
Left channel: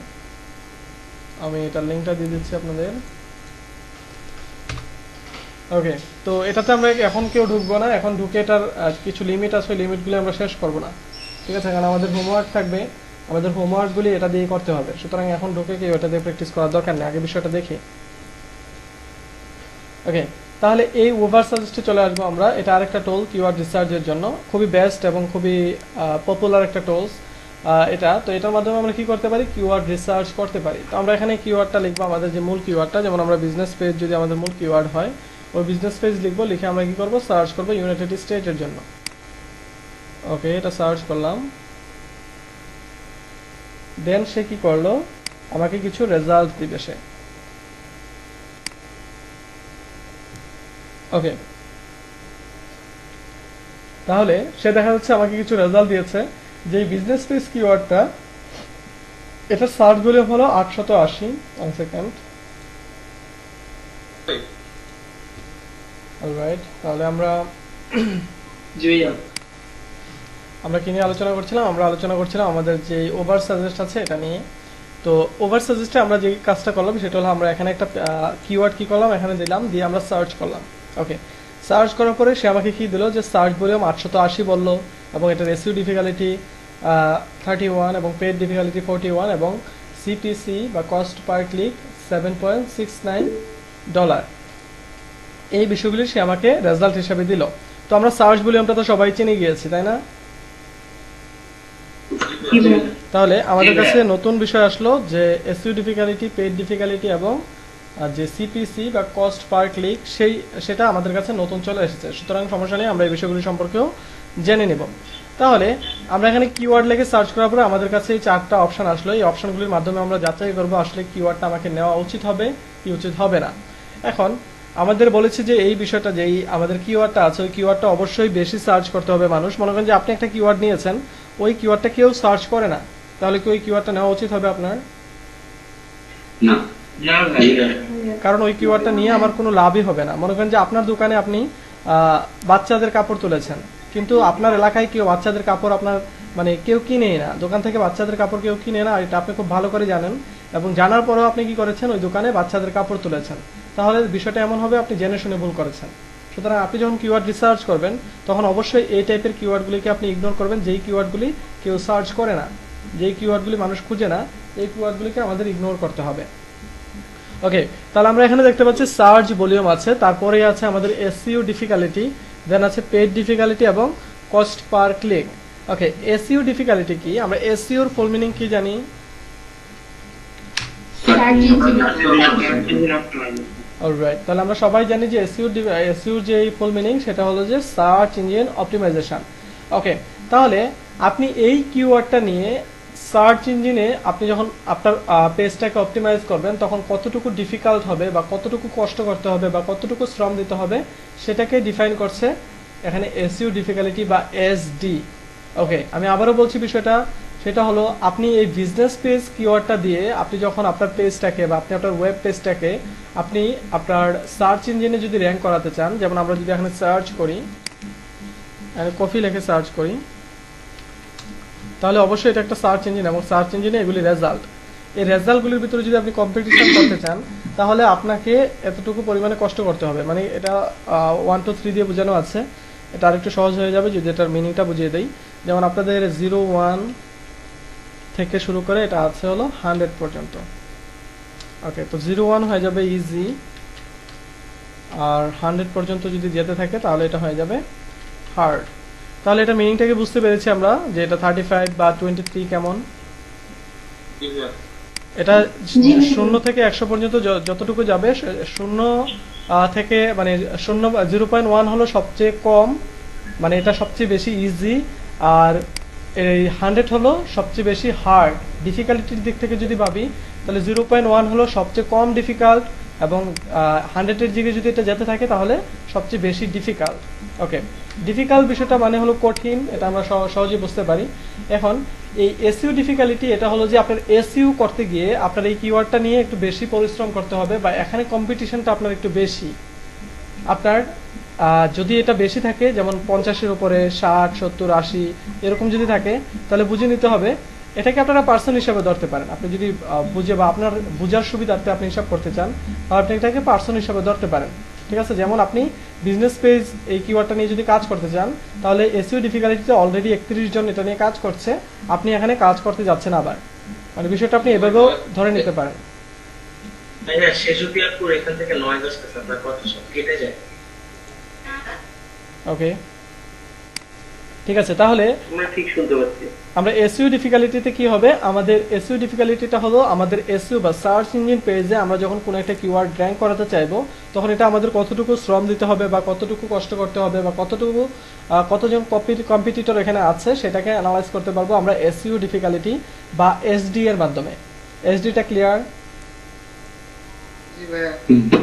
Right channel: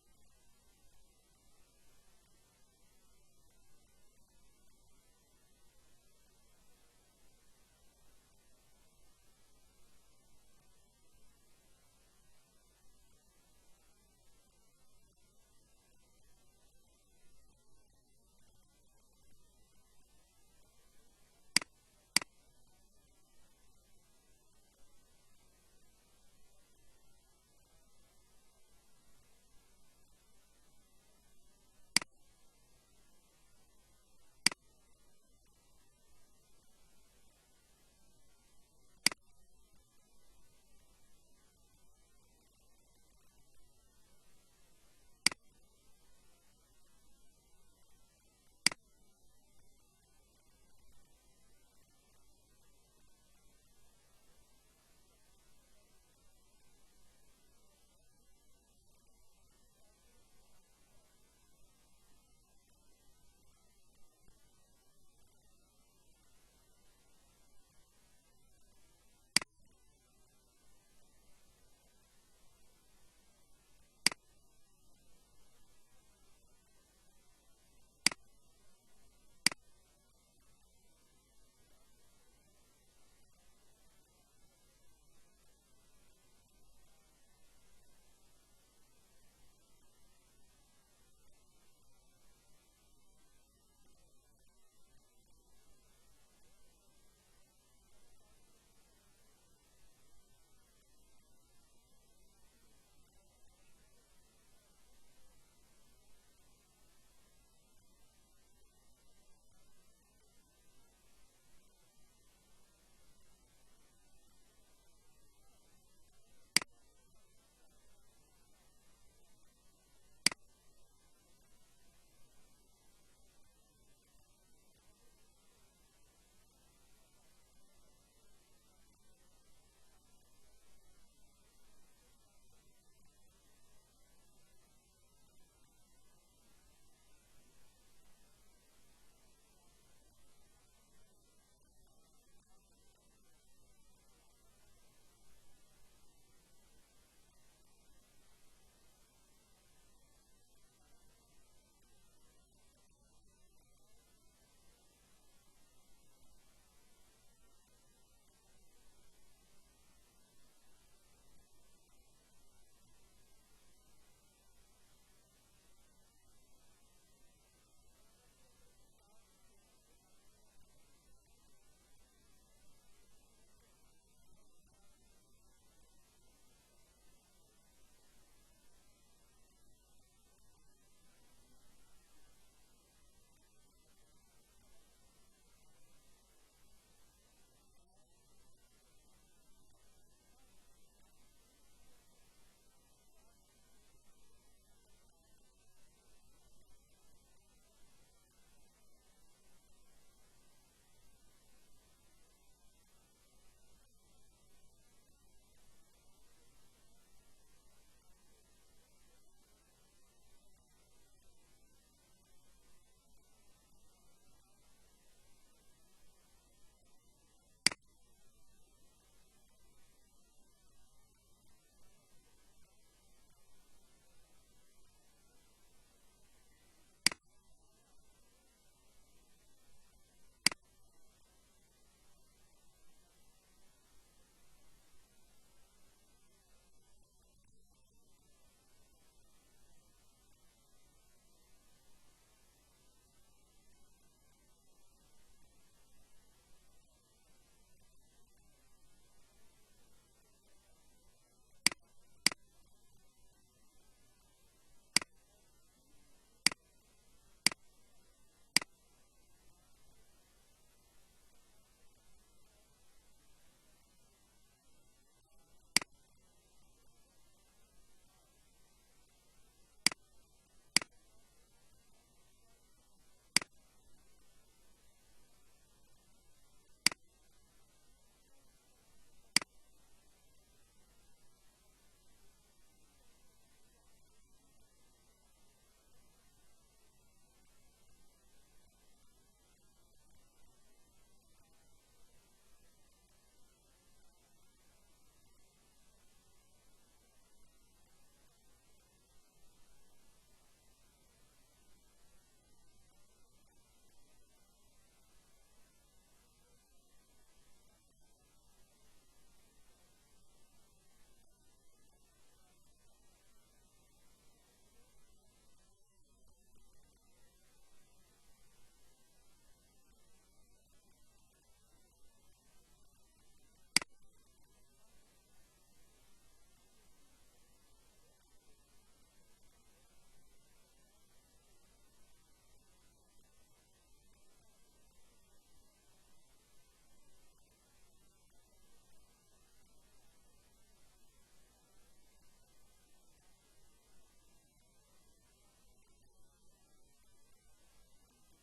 আমি এটার লিঙ্কটা দিয়ে দিচ্ছি আপনাদের। ওকে, তো এটাতে আমরা এখন কেউ ঢুকবো না, এখন ঢুকে এটার কিছু লিমিট আছে, লিমিটগুলি আমরা শেষ করব না, ঠিক আছে, কারণ আমাদের হোমওয়ার্ক থাকবে, আমাদের হোমওয়ার্কগুলি এটা দিয়ে করতে হবে। সুতরাং এখন ঢুকে কেউ এটা দিয়ে প্র্যাকটিস করার দরকার নেই, আগে বিষয়টা দেখি। ওকে, তাহলে এই ওভার সাজেস্টে চলে আসবো আমরা। এটা আরেকটা টুল কিওয়ার্ড রিসার্চের জন্য, খুবই বেস্ট এবং খুবই পপুলার একটা টুলস এটা। তো এটার মাধ্যমে আমরা কি করতে পারি, কিওয়ার্ড রিসার্চ করতে পারি। তো আমরা এখানে কিওয়ার্ডটা লিখবো, আমাদের যে মূল কিওয়ার্ডটা, যেমন আমরা বিজনেস পেজ যদি আমাদের মূল কিওয়ার্ড হয়, ওই বিজনেস পেজ লিখবো, লিখে আমরা কি করবো, সার্চ করবো ইউনাইটেড স্টেটের জন্য। ওকে, এটা সার্চ করলাম, দেন সে কি করলো, আমাকে কিছু রেজাল্ট দিবে সে। ওকে, তাহলে সে দেখা যাচ্ছে আমাকে কিছু রেজাল্ট দিয়েছে যে বিজনেস পেজ কিওয়ার্ডটা, এটা সার্চ ভলিউম হলো 880। 1 সেকেন্ড। অলরাইট, তাহলে আমরা কি নিয়ে আলোচনা করছিলাম, আমরা আলোচনা করছিলাম আমাদের যে ওভার সাজেস্ট আছে এটা নিয়ে। তো ওভার সাজেস্টে আমরা যে কাজটা করলাম সেটা হলো আমরা এখানে একটা কিওয়ার্ড কি করলাম, এখানে দিলাম, দিয়ে আমরা সার্চ করলাম। ওকে, সার্চ করার পরে সে আমাকে কি দিল, যে সার্চ ভলিউম 880 বললো এবং এটার এসইও ডিফিকাল্টি 31 এবং পেড ডিফিকাল্টি 41 এবং সিপিসি বা কস্ট পার ক্লিক $7.69। এই বিষয়গুলি সে আমাকে রেজাল্ট হিসেবে দিল। তো আমরা সার্চ ভলিউমটা তো সবাই চিনে গিয়েছি, তাই না? তাহলে আমাদের কাছে নতুন বিষয় আসলো যে এসইও ডিফিকাল্টি, পেড ডিফিকাল্টি এবং যে সিপিসি বা কস্ট পার ক্লিক, সেটা আমাদের কাছে নতুন চলে এসেছে। সুতরাং সমস্যা নেই, আমরা এই বিষয়গুলি সম্পর্কেও জেনে নেব। তাহলে আমরা এখানে কিওয়ার্ড লিখে সার্চ করার পরে আমাদের কাছে এই 4টা অপশন আসলো। এই অপশনগুলির মাধ্যমে আমরা যাচাই করবো আসলে কিওয়ার্ডটা আমাকে নেওয়া উচিত হবে কি উচিত হবে না। এখন আমাদের বলেছে যে এই বিষয়টা, যে আমাদের কিওয়ার্ডটা আছে ওই কিওয়ার্ডটা অবশ্যই বেশি সার্চ করতে হবে মানুষ। মনে করেন যে আপনি একটা কিওয়ার্ড নিয়েছেন, ওই কিওয়ার্ডটা কেউ সার্চ করে না, তাহলে কি ওই কিওয়ার্ডটা নেওয়া উচিত হবে আপনার? না, কারণ ওই কিওয়ার্ডটা নিয়ে আমার কোনো লাভই হবে না। মনে করেন যে আপনার দোকানে আপনি বাচ্চাদের কাপড় তুলেছেন, কিন্তু আপনার এলাকায় কেউ বাচ্চাদের কাপড় আপনার মানে কেউ কিনেই না, দোকান থেকে বাচ্চাদের কাপড় কেউ কিনে না, এটা আপনি খুব ভালো করে জানেন এবং জানার পরেও আপনি কি করেছেন, ওই দোকানে বাচ্চাদের কাপড় তুলেছেন, তাহলে বিষয়টা এমন হবে আপনি জেনে শুনে ভুল করেছেন। সুতরাং আপনি যখন কিওয়ার্ড রিসার্চ করবেন তখন অবশ্যই এই টাইপের কিওয়ার্ডগুলিকে আপনি ইগনোর করবেন, যেই কিওয়ার্ডগুলি কেউ সার্চ করে না, যেই কিওয়ার্ডগুলি মানুষ খুঁজে না, এই কিওয়ার্ডগুলিকে আমাদের ইগনোর করতে হবে। ওকে, তাহলে আমরা এখানে দেখতে পাচ্ছি সার্চ ভলিউম আছে, তারপরেই আছে আমাদের এসইও ডিফিকাল্টি, দেন আছে পেড ডিফিকাল্টি এবং কস্ট পার ক্লিক। ওকে, এসইও ডিফিকাল্টি কি? আমরা এসইওর ফুল মিনিং কি জানি? Search engine অলরাইট, তাহলে আমরা সবাই জানি যে এসইওর যে ফুল মিনিং সেটা হলো যে সার্চ ইঞ্জিন অপটিমাইজেশন। ওকে, তাহলে আপনি এই কিওয়ার্ডটা নিয়ে সার্চ ইঞ্জিনে আপনি যখন আপনার পেজটাকে অপটিমাইজ করবেন তখন কতটুকু ডিফিকাল্ট হবে বা কতটুকু কষ্ট করতে হবে বা কতটুকু শ্রম দিতে হবে সেটাকে ডিফাইন করছে এখানে এসইও ডিফিকাল্টি বা এসডি। ওকে, আমি আবারও বলছি বিষয়টা, সেটা হলো আপনি এই বিজনেস পেজ কিওয়ার্ডটা দিয়ে আপনি যখন আপনার পেজটাকে বা আপনি আপনার ওয়েব পেজটাকে আপনি আপনার সার্চ ইঞ্জিনে যদি র্যাঙ্ক করাতে চান, যেমন আমরা যদি এখানে সার্চ করি, কফি লিখে সার্চ করি, তাহলে অবশ্যই এটা একটা সার্চ ইঞ্জিন এবং সার্চ ইঞ্জিনে এগুলি রেজাল্ট। এই রেজাল্টগুলির ভিতরে যদি আপনি কম্পিটিশন করতে চান তাহলে আপনাকে এতটুকু পরিমাণে কষ্ট করতে হবে। মানে এটা 1 2 3 দিয়ে বোঝানো আছে, এটা আরেকটু সহজ হয়ে যাবে যদি এটার মিনিংটা বুঝিয়ে দেই। যেমন আপনাদের 0 1 থেকে শুরু করে এটা আছে হলো 100 পর্যন্ত। ওকে, তো 0 1 হয়ে যাবে ইজি, আর 100 পর্যন্ত যদি যেতে থাকে তাহলে এটা হয়ে যাবে হার্ড। তাহলে এটা মিনিংটাকে বুঝতে পেরেছি আমরা যে এটা 35 বা 23 কেমন। এটা 0 থেকে 100 পর্যন্ত যতটুকু যাবে, 0 থেকে মানে 0.1 হলো সবচেয়ে কম, মানে এটা সবচেয়ে বেশি ইজি, আর এই 100 হলো সবচেয়ে বেশি হার্ড। ডিফিকাল্টির দিক থেকে যদি ভাবি তাহলে 0.1 হলো সবচেয়ে কম ডিফিকাল্ট এবং 100-এর দিকে যদি এটা যেতে থাকে তাহলে সবচেয়ে বেশি ডিফিকাল্ট। ওকে, ডিফিকাল্ট বিষয়টা মানে হলো কঠিন, এটা আমরা সহজেই বুঝতে পারি। এখন এই এসইও ডিফিকাল্টি এটা হলো যে আপনার এসইও করতে গিয়ে আপনার এই কিওয়ার্ডটা নিয়ে একটু বেশি পরিশ্রম করতে হবে বা এখানে কম্পিটিশনটা আপনার একটু বেশি। আপনার যদি এটা বেশি থাকে, যেমন 50-এর উপরে 60 70 80 এরকম যদি থাকে, তাহলে বুঝে নিতে হবে এটাকে আপনারা পার্সন হিসাবে ধরতে পারেন। আপনি যদি বুঝে বা আপনার বুঝার সুবিধার্থে আপনি হিসাব করতে চান তাহলে আপনি এটাকে পার্সন হিসাবে ধরতে পারেন। ঠিক আছে, যেমন আপনি বিজনেস পেজ এই কিওয়ার্ডটা নিয়ে যদি কাজ করতে চান তাহলে এসইও ডিফিকাল্টিতে অলরেডি 31 জন এটা নিয়ে কাজ করছে, আপনি এখানে কাজ করতে যাচ্ছেন আবার, মানে বিষয়টা আপনি এভাবেও ধরে নিতে পারেন। তাই না, সে যদি আপু এখান থেকে 9-10 আপনার কথা সব কেটে যায়। ওকে, ঠিক আছে, তাহলে আমরা ঠিক শুনতে পাচ্ছি। আমরা এসইও ডিফিকাল্টিতে কি হবে, আমাদের এসইও ডিফিকাল্টিটা হলো আমাদের এসইও বা সার্চ ইঞ্জিন পেজে আমরা যখন কোনো একটা কিওয়ার্ড র্যাঙ্ক করাতে চাইবো তখন এটা আমাদের কতটুকু শ্রম দিতে হবে বা কতটুকু কষ্ট করতে হবে বা কতটুকু কতজন কম্পিটিটর এখানে আছে সেটাকে অ্যানালাইজ করতে পারবো আমরা এসইও ডিফিকাল্টি বা এসডি এর মাধ্যমে। এসডিটা ক্লিয়ার?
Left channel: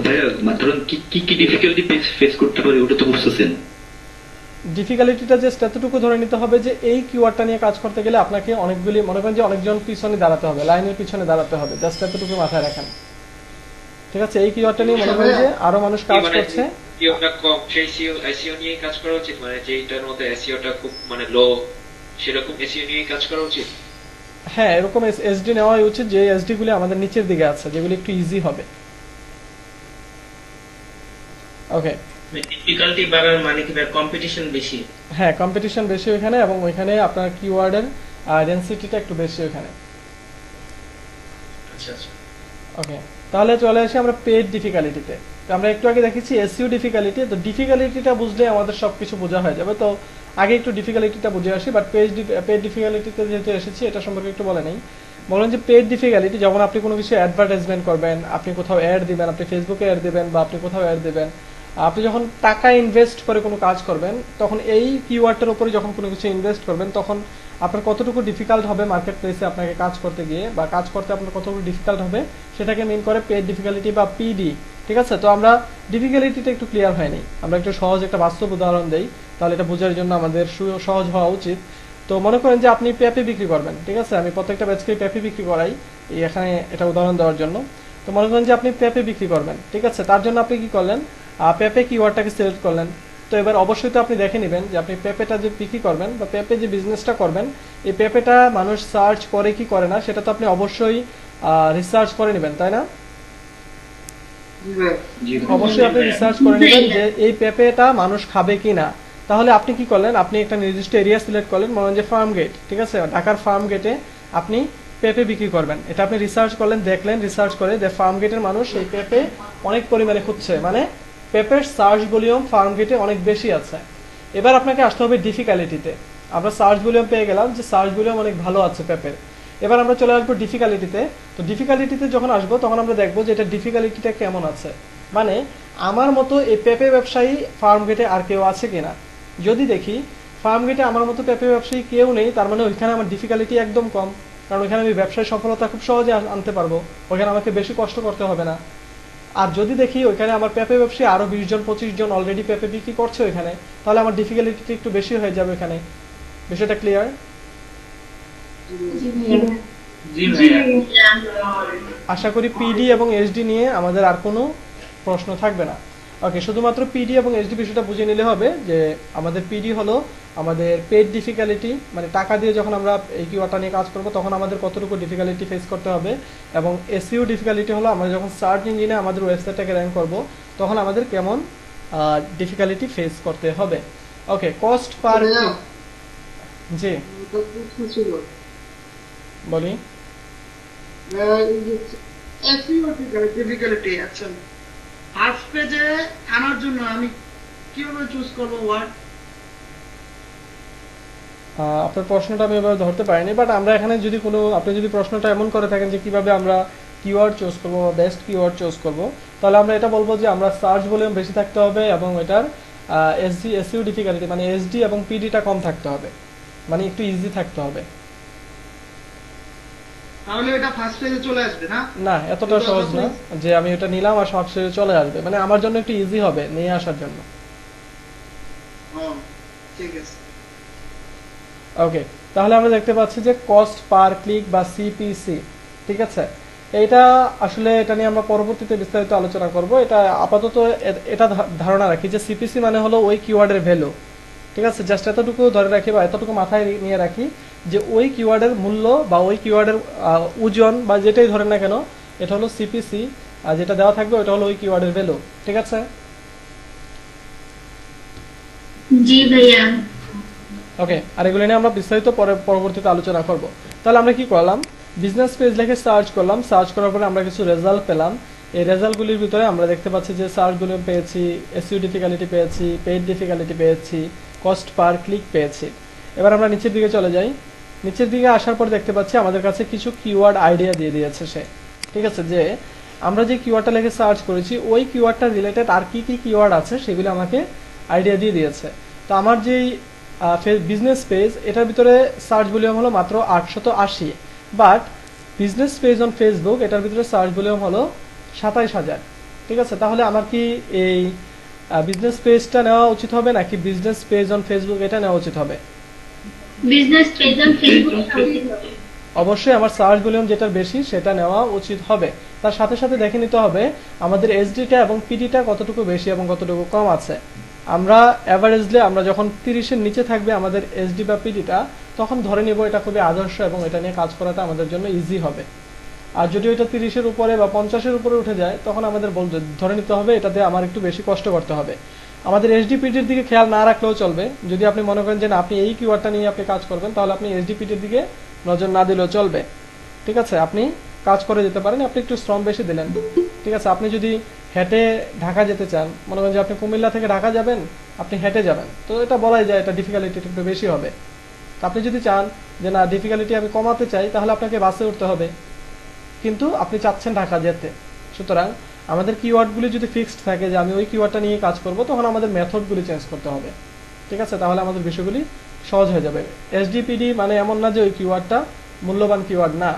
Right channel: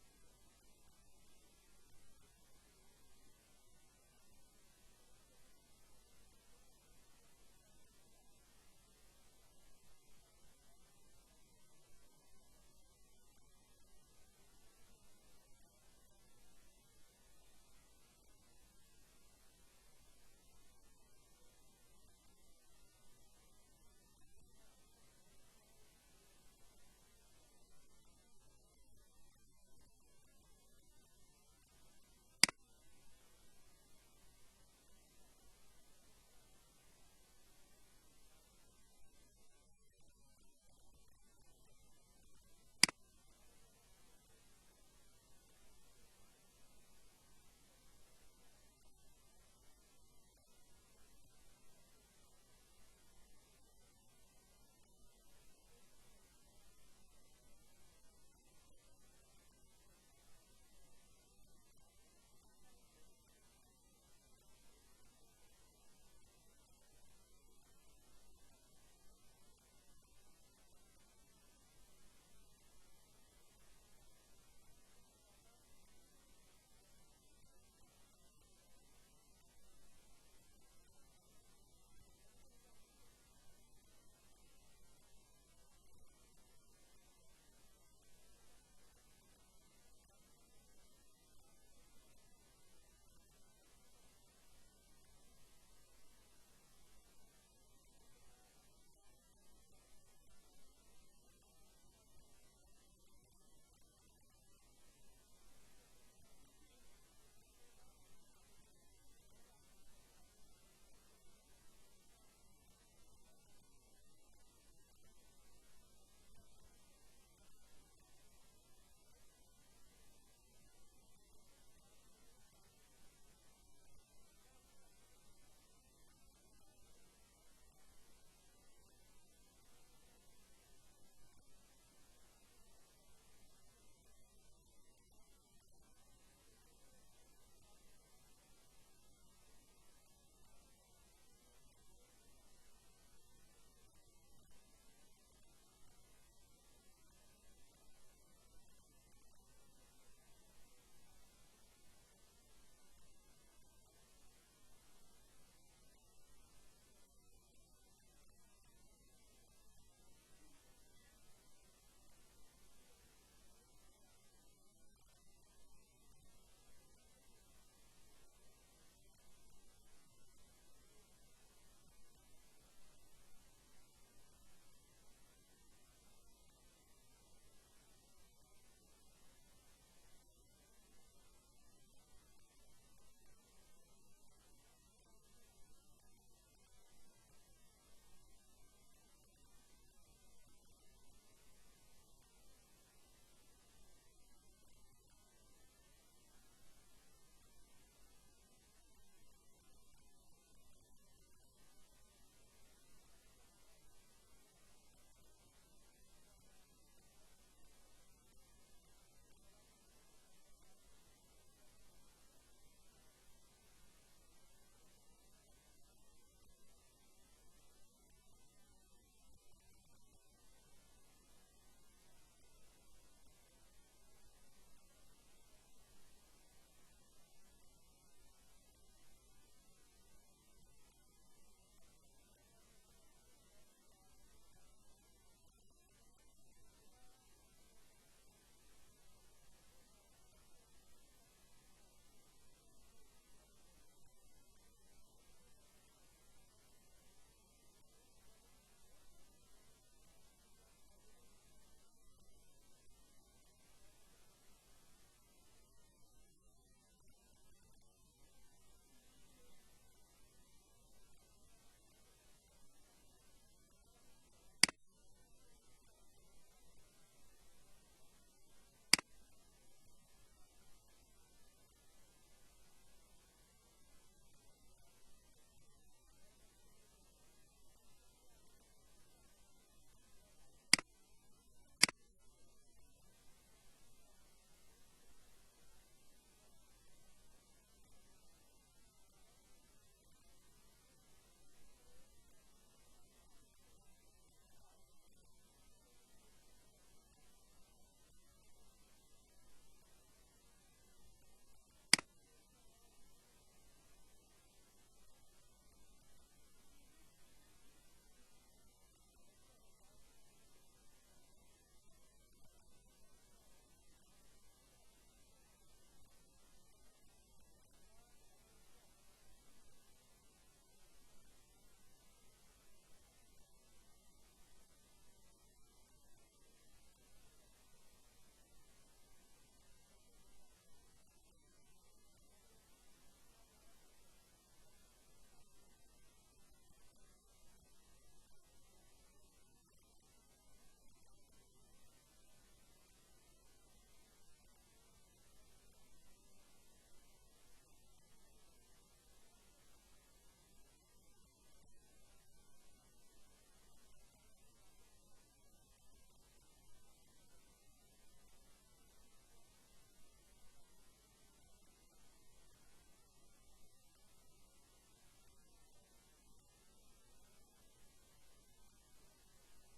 ভাইয়া ধরুন কি কি কি ডিফিকাল্টি ফেস করতে পারে ওটা তো বুঝতেছেন। ডিফিকাল্টিটা জাস্ট এতটুকু ধরে নিতে হবে যে এই কিওয়ার্ডটা নিয়ে কাজ করতে গেলে আপনাকে অনেকগুলি, মনে করেন যে অনেকজন পিছনে দাঁড়াতে হবে, লাইনের পিছনে দাঁড়াতে হবে, জাস্ট এতটুকু মাথায় রাখেন। ঠিক আছে, এই কিওয়ার্ডটা নিয়ে মনে করেন যে আরো মানুষ কাজ করছে, এসইওটা কম, সেই এসইও নিয়ে কাজ করা উচিত, মানে যেটার মধ্যে এসইওটা খুব মানে লো সেরকম এসইও নিয়ে কাজ করা উচিত। হ্যাঁ এরকম এসডি নেওয়াই উচিত, যে এসডি গুলি আমাদের নিচের দিকে আছে, যেগুলি একটু ইজি হবে। ওকে, ডিফিকাল্টি বাড়ার মানে কি কম্পিটিশন বেশি? হ্যাঁ কম্পিটিশন বেশি ওইখানে, এবং ওইখানে আপনার কিওয়ার্ডের ডেনসিটিটা একটু বেশি ওইখানে। আচ্ছা আচ্ছা, ওকে, তাহলে চলে আসি আমরা পেড ডিফিকাল্টিতে। তো আমরা একটু আগে দেখেছি এসইও ডিফিকাল্টি, তো ডিফিকাল্টিটা বুঝলে আমাদের সবকিছু বোঝা হয়ে যাবে। তো আগে একটু ডিফিকাল্টিটা বুঝে আসি, বাট পেড ডিফিকাল্টিতে যেহেতু এসেছি এটা সম্পর্কে একটু বলে নেই। বলেন যে পেড ডিফিকাল্টি, যখন আপনি কোনো কিছু অ্যাডভার্টাইজমেন্ট করবেন, আপনি কোথাও অ্যাড দিবেন, আপনি ফেসবুকে অ্যাড দিবেন বা আপনি কোথাও অ্যাড দিবেন, আপনি যখন টাকা ইনভেস্ট করে কোনো কাজ করবেন তখন এই কিওয়ার্ডটার উপরে যখন কোনো কিছু ইনভেস্ট করবেন তখন আপনার কতটুকু ডিফিকাল্ট হবে মার্কেট প্লেসে আপনাকে কাজ করতে গিয়ে, বা কাজ করতে আপনার কতটুকু ডিফিকাল্ট হবে সেটাকে মিন করে পেড ডিফিকাল্টি বা পিডি। ঠিক আছে, তো আমরা ডিফিকাল্টিটা একটু ক্লিয়ার হয়নি, আমরা একটু সহজ একটা বাস্তব উদাহরণ দেই, তাহলে এটা বোঝার জন্য আমাদের সহজ হওয়া উচিত। তো মনে করেন যে আপনি পেঁপে বিক্রি করবেন, ঠিক আছে, আমি প্রত্যেকটা ব্যাচকে পেঁপে বিক্রি করাই এই এখানে এটা উদাহরণ দেওয়ার জন্য। তো মনে করেন যে আপনি পেঁপে বিক্রি করবেন, ঠিক আছে, তার জন্য আপনি কি করলেন, পেঁপে কিওয়ার্ডটাকে সিলেক্ট করলেন। তো এবার অবশ্যই তো আপনি দেখে নেবেন যে আপনি পেঁপেটা যে বিক্রি করবেন বা পেঁপে যে বিজনেসটা করবেন এই পেঁপেটা মানুষ সার্চ করে কি করে না সেটা তো আপনি অবশ্যই রিসার্চ করে নেবেন, তাই না? অবশ্যই আপনি রিসার্চ করে নেবেন যে এই পেঁপেটা মানুষ খাবে কি না। তাহলে আপনি কি করলেন, আপনি একটা নির্দিষ্ট এরিয়া সিলেক্ট করলেন, মনে হয় যে ফার্ম গেট, ঠিক আছে, ঢাকার ফার্ম গেটে আপনি পেঁপে বিক্রি করবেন, এটা আপনি রিসার্চ করলেন, দেখলেন, রিসার্চ করে যে ফার্ম গেটের মানুষ এই পেঁপে অনেক পরিমাণে খুঁজছে, মানে পেঁপের সার্চ ভলিউম ফার্ম গেটে অনেক বেশি আছে। এবার আপনাকে আসতে হবে ডিফিকাল্টিতে। আমরা সার্চ ভলিউম পেয়ে গেলাম যে সার্চ ভলিউম অনেক ভালো আছে পেঁপের। এবার আমরা চলে আসবো ডিফিকাল্টিতে। তো ডিফিকাল্টিতে যখন আসবো তখন আমরা দেখবো যে এটা ডিফিকাল্টিটা কেমন আছে, মানে আমার মতো এই পেঁপে ব্যবসায়ী ফার্ম গেটে আর কেউ আছে কিনা। যদি দেখি ফার্ম গেটে আমার মতো পেঁপে ব্যবসায়ী কেউ নেই, তার মানে ওইখানে আমার ডিফিকাল্টি একদম কম, কারণ ওইখানে আমি ব্যবসায় সফলতা খুব সহজে আনতে পারবো, ওইখানে আমাকে বেশি কষ্ট করতে হবে না। আর যদি দেখি ওইখানে আমার পেঁপে ব্যবসায়ী আরো 20 জন 25 জন অলরেডি পেঁপে বিক্রি করছে ওইখানে, তাহলে আমার ডিফিকাল্টি একটু বেশি হয়ে যাবে ওইখানে। বিষয়টা ক্লিয়ার? জি ভাইয়া। জি জি ভাইয়া। ভাইয়া। আশা করি পিডি এবং এসডি নিয়ে আমাদের আর কোনো প্রশ্ন থাকবে না। ওকে, শুধুমাত্র পিডি এবং এসডি বিষয়টা বুঝে নিলে হবে যে আমাদের পিডি হলো আমাদের পেড ডিফিকাল্টি, মানে টাকা দিয়ে যখন আমরা এই কিওয়ার্ডটা নিয়ে কাজ করব তখন আমাদের কতটুকু ডিফিকাল্টি ফেস করতে হবে, এবং এসইও ডিফিকাল্টি হলো আমরা যখন সার্চ ইঞ্জিনে আমাদের ওয়েবসাইটটাকে র্যাঙ্ক করব তখন আমাদের কেমন ডিফিকাল্টি ফেস করতে হবে। ওকে, কস্ট পার, জি বলি। ডিফিকাল্টি আচ্ছা ফার্স্ট পেজে আনার জন্য আমি কিভাবে চুজ করব ওয়ার্ড? আপনার প্রশ্নটা আমি এভাবে ধরতে পারিনি, বাট আমরা এখানে যদি কোনো, আপনি যদি প্রশ্নটা এমন করে থাকেন যে কিভাবে আমরা কিওয়ার্ড চুজ করবো বা বেস্ট কিওয়ার্ড চুজ করবো, তাহলে আমরা এটা বলবো যে আমরা সার্চ ভলিউম বেশি থাকতে হবে এবং এটার এসইও ডিফিকাল্টি মানে এসডি এবং পিডিটা কম থাকতে হবে, মানে একটু ইজি থাকতে হবে। তাহলে এটা ফার্স্ট পেজে চলে আসবে না? না, এতটা সহজ না যে আমি এটা নিলাম আর সব শেষে চলে আসবে, মানে আমার জন্য একটু ইজি হবে নিয়ে আসার জন্য। ও ঠিক আছে। ওকে, তাহলে আমরা দেখতে পাচ্ছি যে কস্ট পার ক্লিক বা সিপিসি, ঠিক আছে। এটা আসলে এটা নিয়ে আমরা পরবর্তীতে বিস্তারিত আলোচনা করব। এটা আপাতত এটা ধারণা রাখি যে সিপিসি মানে হলো ওই কিওয়ার্ডের ভ্যালু, ঠিক আছে। জাস্ট এতটুকু ধরে রাখি বা এতটুকু মাথায় নিয়ে রাখি যে ওই কিওয়ার্ডের মূল্য বা ওই কিওয়ার্ডের ওজন বা যেটাই ধরেন না কেন, এটা হলো সিপিসি, আর যেটা দেওয়া থাকবে ওটা হলো ওই কিওয়ার্ডের ভ্যালু, ঠিক আছে। জি ভাইয়া। ওকে, আর এগুলো নিয়ে আমরা বিস্তারিত পরবর্তীতে আলোচনা করব। তাহলে আমরা কি করলাম, বিজনেস পেজ লিখে সার্চ করলাম, সার্চ করার পরে আমরা কিছু রেজাল্ট পেলাম। এই রেজাল্টগুলির ভিতরে আমরা দেখতে পাচ্ছি যে সার্চ ভলিউম পেয়েছি, এসইও ডিফিকাল্টি পেয়েছি, পেইড ডিফিকাল্টি পেয়েছি, কস্ট পার ক্লিক পেয়েছি। এবার আমরা নিচের দিকে চলে যাই। নিচের দিকে আসার পর দেখতে পাচ্ছি আমাদের কাছে কিছু কিওয়ার্ড আইডিয়া দিয়ে দিয়েছে সে, ঠিক আছে। যে আমরা যে কিওয়ার্ডটা লিখে সার্চ করেছি ওই কিওয়ার্ডটা রিলেটেড আর কি কি কিওয়ার্ড আছে সেগুলো আমাকে আইডিয়া দিয়ে দিয়েছে। তো আমার যেই বিজনেস পেজ, এটার ভিতরে সার্চ ভলিউম হলো মাত্র 880, but business page on Facebook এটার ভিতরে সার্চ ভলিউম হলো 27,000, ঠিক আছে। তাহলে আমার কি এই বিজনেস পেজটা নেওয়া উচিত হবে নাকি বিজনেস পেজ অন ফেসবুক এটা নেওয়া উচিত হবে? বিজনেস পেজ অন ফেসবুক অবশ্যই আমার সার্চ ভলিউম যেটা বেশি সেটা নেওয়া উচিত হবে। তার সাথে সাথে দেখে নিতে হবে আমাদের এসডিটা এবং পিডিটা কতটুকু বেশি এবং কতটুকু কম আছে। আমরা অ্যাভারেজলি আমরা যখন 30-এর নিচে থাকবে আমাদের এসডি বা পিডিটা, তখন ধরে নিব এটা খুবই আদর্শ এবং এটা নিয়ে কাজ করাটা আমাদের জন্য ইজি হবে। আর যদি এটা 30-এর উপরে বা 50-এর উপরে উঠে যায় তখন আমাদের ধরে নিতে হবে এটাতে আমার একটু বেশি কষ্ট করতে হবে। আমাদের এসডিপিটির দিকে খেয়াল না রাখলেও চলবে। যদি আপনি মনে করেন যে না আপনি এই কিওয়ার্ডটা নিয়ে আপনি কাজ করবেন, তাহলে আপনি এসডিপিটির দিকে নজর না দিলেও চলবে, ঠিক আছে। আপনি কাজ করে যেতে পারেন, আপনি একটু শ্রম বেশি দিলেন, ঠিক আছে। আপনি যদি হেঁটে ঢাকা যেতে চান, মনে করেন যে আপনি কুমিল্লা থেকে ঢাকা যাবেন, আপনি হেঁটে যাবেন, তো এটা বলাই যায় এটা ডিফিকাল্টি একটু বেশি হবে। আপনি যদি চান যে না ডিফিকাল্টি আমি কমাতে চাই, তাহলে আপনাকে বাসে উঠতে হবে, কিন্তু আপনি চাচ্ছেন ঢাকা যেতে। সুতরাং আমাদের কিওয়ার্ডগুলি যদি ফিক্সড থাকে যে আমি ওই কিওয়ার্ডটা নিয়ে কাজ করব, তখন আমাদের মেথডগুলি চেঞ্জ করতে হবে, ঠিক আছে। তাহলে আমাদের বিষয়গুলি সহজ হয়ে যাবে। এসডিপিডি মানে এমন না যে ওই কিওয়ার্ডটা মূল্যবান কিওয়ার্ড না,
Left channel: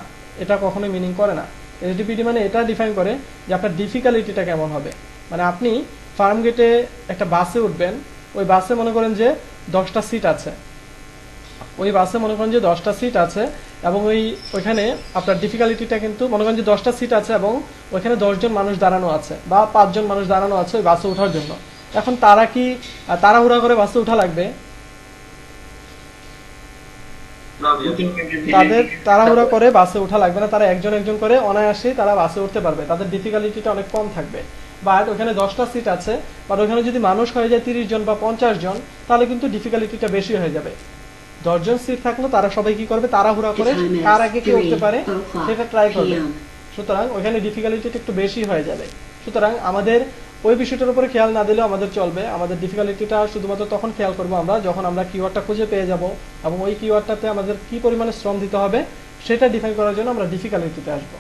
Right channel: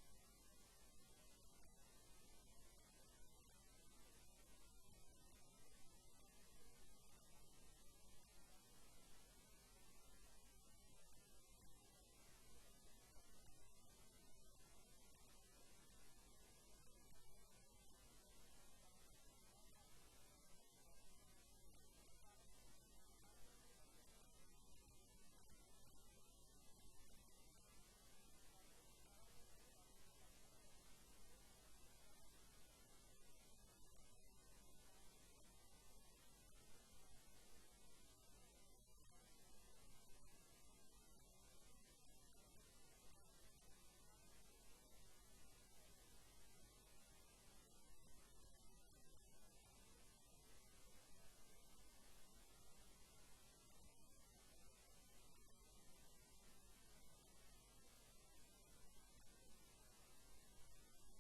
এটা কখনোই মিনিং করে না। এসডিপিডি মানে এটা ডিফাইন করে যে আপনার ডিফিকাল্টিটা কেমন হবে। মানে আপনি ফার্ম গেটে একটা বাসে উঠবেন, ওই বাসে মনে করেন যে 10টা সিট আছে, ওই বাসে মনে করেন যে 10টা সিট আছে এবং ওইখানে আপনার ডিফিকাল্টিটা কিন্তু মনে করেন যে 10টা সিট আছে এবং ওইখানে 10 জন মানুষ দাঁড়ানো আছে বা 5 জন মানুষ দাঁড়ানো আছে ওই বাসে ওঠার জন্য। এখন তারা কি তাড়াহুড়া করে বাসে উঠা লাগবে? তাদের তাড়াহুড়া করে বাসে ওঠা লাগবে না, তারা একজন একজন করে অনায়াসেই তারা বাসে উঠতে পারবে, তাদের ডিফিকাল্টিটা অনেক কম থাকবে। বাট ওখানে 10টা সিট আছে, বাট ওখানে যদি মানুষ হয়ে যায় 30 জন বা 50 জন, তাহলে কিন্তু ডিফিকাল্টিটা বেশি হয়ে যাবে, 10 জন সিট থাকলো তারা সবাই কি করবে, তাড়াহুড়া করে কার আগে কে উঠতে পারে সেটা ট্রাই করবে। সুতরাং ওখানে ডিফিকাল্টিটা একটু বেশি হয়ে যাবে। সুতরাং আমাদের ওই বিষয়টার উপরে খেয়াল না দিলেও আমাদের চলবে। আমাদের ডিফিকাল্টিটা শুধুমাত্র তখন খেয়াল করবো আমরা যখন আমরা কিওয়ার্ডটা খুঁজে পেয়ে যাব, এবং ওই কিওয়ার্ডটাতে আমাদের কি পরিমাণে শ্রম দিতে হবে সেটা ডিফাইন করার জন্য আমরা ডিফিকাল্টিতে আসবো।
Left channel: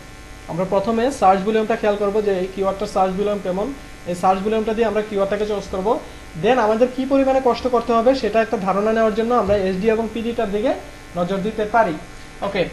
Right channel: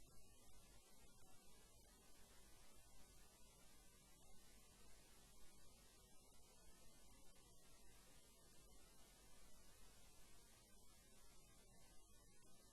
আমরা প্রথমে সার্চ ভলিউমটা খেয়াল করবো যে এই কিওয়ার্ডটার সার্চ ভলিউম কেমন, এই সার্চ ভলিউমটা দিয়ে আমরা কিওয়ার্ডটাকে চুজ করবো। দেন আমাদের কি পরিমাণে কষ্ট করতে হবে সেটা একটা ধারণা নেওয়ার জন্য আমরা এসডি এবং পিডিটার দিকে নজর দিতে পারি। ওকে,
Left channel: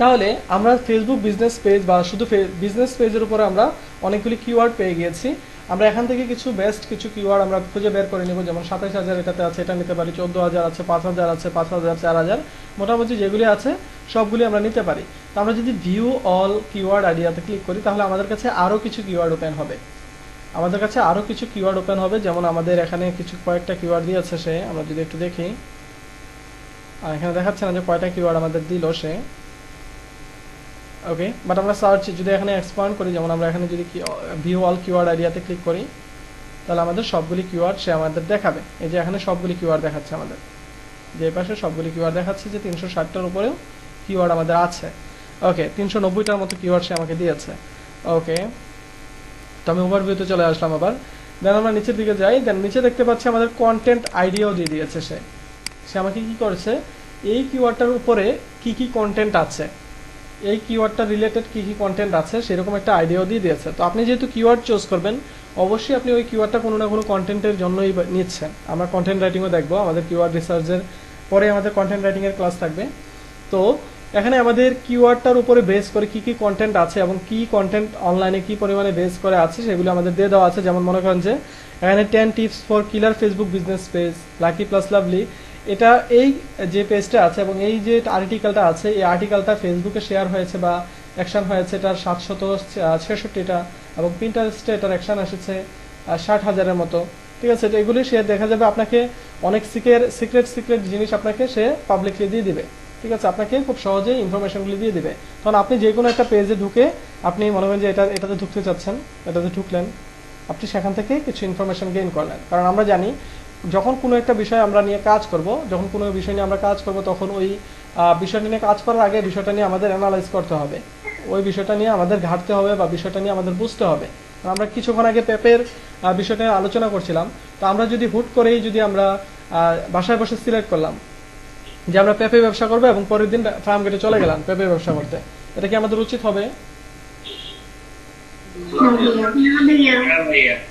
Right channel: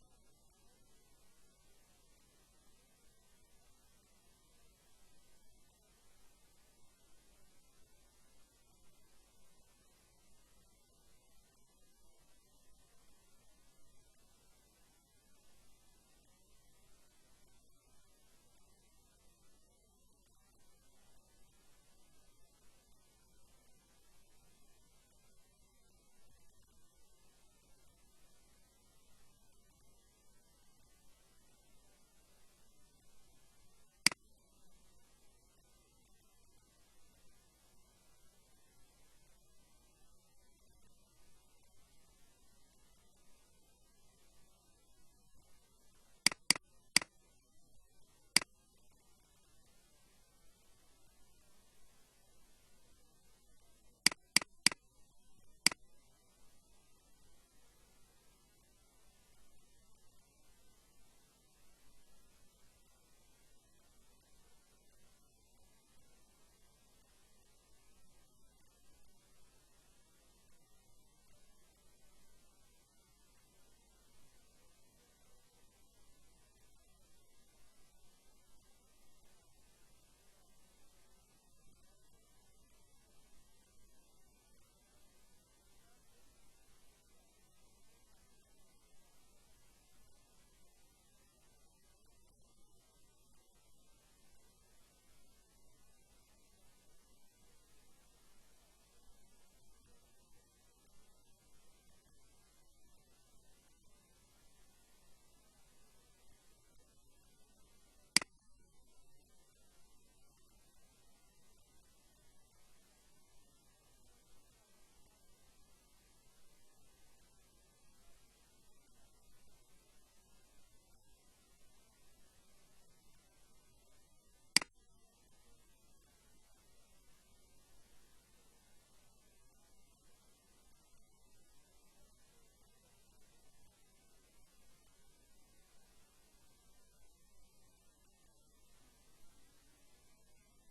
তাহলে আমরা ফেসবুক বিজনেস পেজ বা শুধু বিজনেস পেজের উপরে আমরা অনেকগুলি কিওয়ার্ড পেয়ে গিয়েছি। আমরা এখান থেকে কিছু বেস্ট কিছু কিওয়ার্ড আমরা খুঁজে বের করে নিব, যেমন 27,000 এটাতে আছে, এটা নিতে পারি, 14,000 আছে, 5,000 আছে, 5,000, 4,000, মোটামুটি যেগুলি আছে সবগুলি আমরা নিতে পারি। তো আমরা যদি ভিউ অল কিওয়ার্ড আইডিয়াতে ক্লিক করি তাহলে আমাদের কাছে আরও কিছু কিওয়ার্ড ওপেন হবে। আমাদের কাছে আরও কিছু কিওয়ার্ড ওপেন হবে, যেমন আমাদের এখানে কিছু কয়েকটা কিওয়ার্ড দিয়েছে সে, আমরা যদি একটু দেখি, আর এখানে দেখাচ্ছে না যে কয়টা কিওয়ার্ড আমাদের দিল সে। ওকে, বাট আমরা সার্চ যদি এখানে এক্সপান্ড করি, যেমন আমরা এখানে যদি ভিউ অল কিওয়ার্ড আইডিয়াতে ক্লিক করি তাহলে আমাদের সবগুলি কিওয়ার্ড সে আমাদের দেখাবে। এই যে এখানে সবগুলি কিওয়ার্ড দেখাচ্ছে আমাদের, যে পাশে সবগুলি কিওয়ার্ড দেখাচ্ছে যে 360টার উপরেও কিওয়ার্ড আমাদের আছে। ওকে, 390টার মতো কিওয়ার্ড সে আমাকে দিয়েছে। ওকে, তো আমি ওভারভিউতে চলে আসলাম আবার। দেন আমরা নিচের দিকে যাই, দেন নিচে দেখতে পাচ্ছি আমাদের কন্টেন্ট আইডিয়াও দিয়ে দিয়েছে সে আমাকে কি করেছে, এই কিওয়ার্ডটার উপরে কি কি কন্টেন্ট আছে, এই কিওয়ার্ডটা রিলেটেড কি কি কন্টেন্ট আছে সেরকম একটা আইডিয়াও দিয়ে দিয়েছে। তো আপনি যেহেতু কিওয়ার্ড চুজ করবেন অবশ্যই আপনি ওই কিওয়ার্ডটা কোনো না কোনো কন্টেন্টের জন্যই নিচ্ছেন। আমরা কন্টেন্ট রাইটিংও দেখবো, আমাদের কিওয়ার্ড রিসার্চের পরে আমাদের কন্টেন্ট রাইটিংয়ের ক্লাস থাকবে। তো এখানে আমাদের কিওয়ার্ডটার উপরে বেস করে কি কি কন্টেন্ট আছে এবং কি কন্টেন্ট অনলাইনে কি পরিমাণে বেস করে আছে সেগুলো আমাদের দিয়ে দেওয়া আছে। যেমন মনে করেন যে এখানে 10 tips for killer Facebook business page, lucky plus lovely, এটা এই যে পেজটা আছে এবং এই যে আর্টিকেলটা আছে, এই আর্টিকেলটা ফেসবুকে শেয়ার হয়েছে বা অ্যাকশন হয়েছে এটার 766টা, এবং পিন্টারেস্টে এটার অ্যাকশন এসেছে 60,000-এর মতো। ঠিক আছে, তো এগুলি সে দেখা যাবে আপনাকে অনেক সিক্রেট জিনিস আপনাকে সে পাবলিকলি দিয়ে দিবে। ঠিক আছে, আপনাকে খুব সহজেই ইনফরমেশনগুলি দিয়ে দিবে। তখন আপনি যে কোনো একটা পেজে ঢুকে আপনি মনে করেন যে এটাতে ঢুকতে চাচ্ছেন, এটাতে ঢুকলেন, আপনি সেখান থেকে কিছু ইনফরমেশন গেইন করলেন। কারণ আমরা জানি যখন কোনো একটা বিষয় আমরা নিয়ে কাজ করব, যখন কোনো বিষয় নিয়ে আমরা কাজ করব তখন ওই বিষয়টা নিয়ে কাজ করার আগে বিষয়টা নিয়ে আমাদের অ্যানালাইজ করতে হবে, ওই বিষয়টা নিয়ে আমাদের ঘাটতে হবে বা বিষয়টা নিয়ে আমাদের বুঝতে হবে। আমরা কিছুক্ষণ আগে পেপের বিষয়টা নিয়ে আলোচনা করছিলাম। তো আমরা যদি হুট করেই যদি আমরা বাসায় বসে সিলেক্ট করলাম যে আমরা পেপে ব্যবসা করবো এবং পরের দিন ফার্ম গেটে চলে গেলাম পেপে ব্যবসা করতে, এটা কি আমাদের উচিত হবে?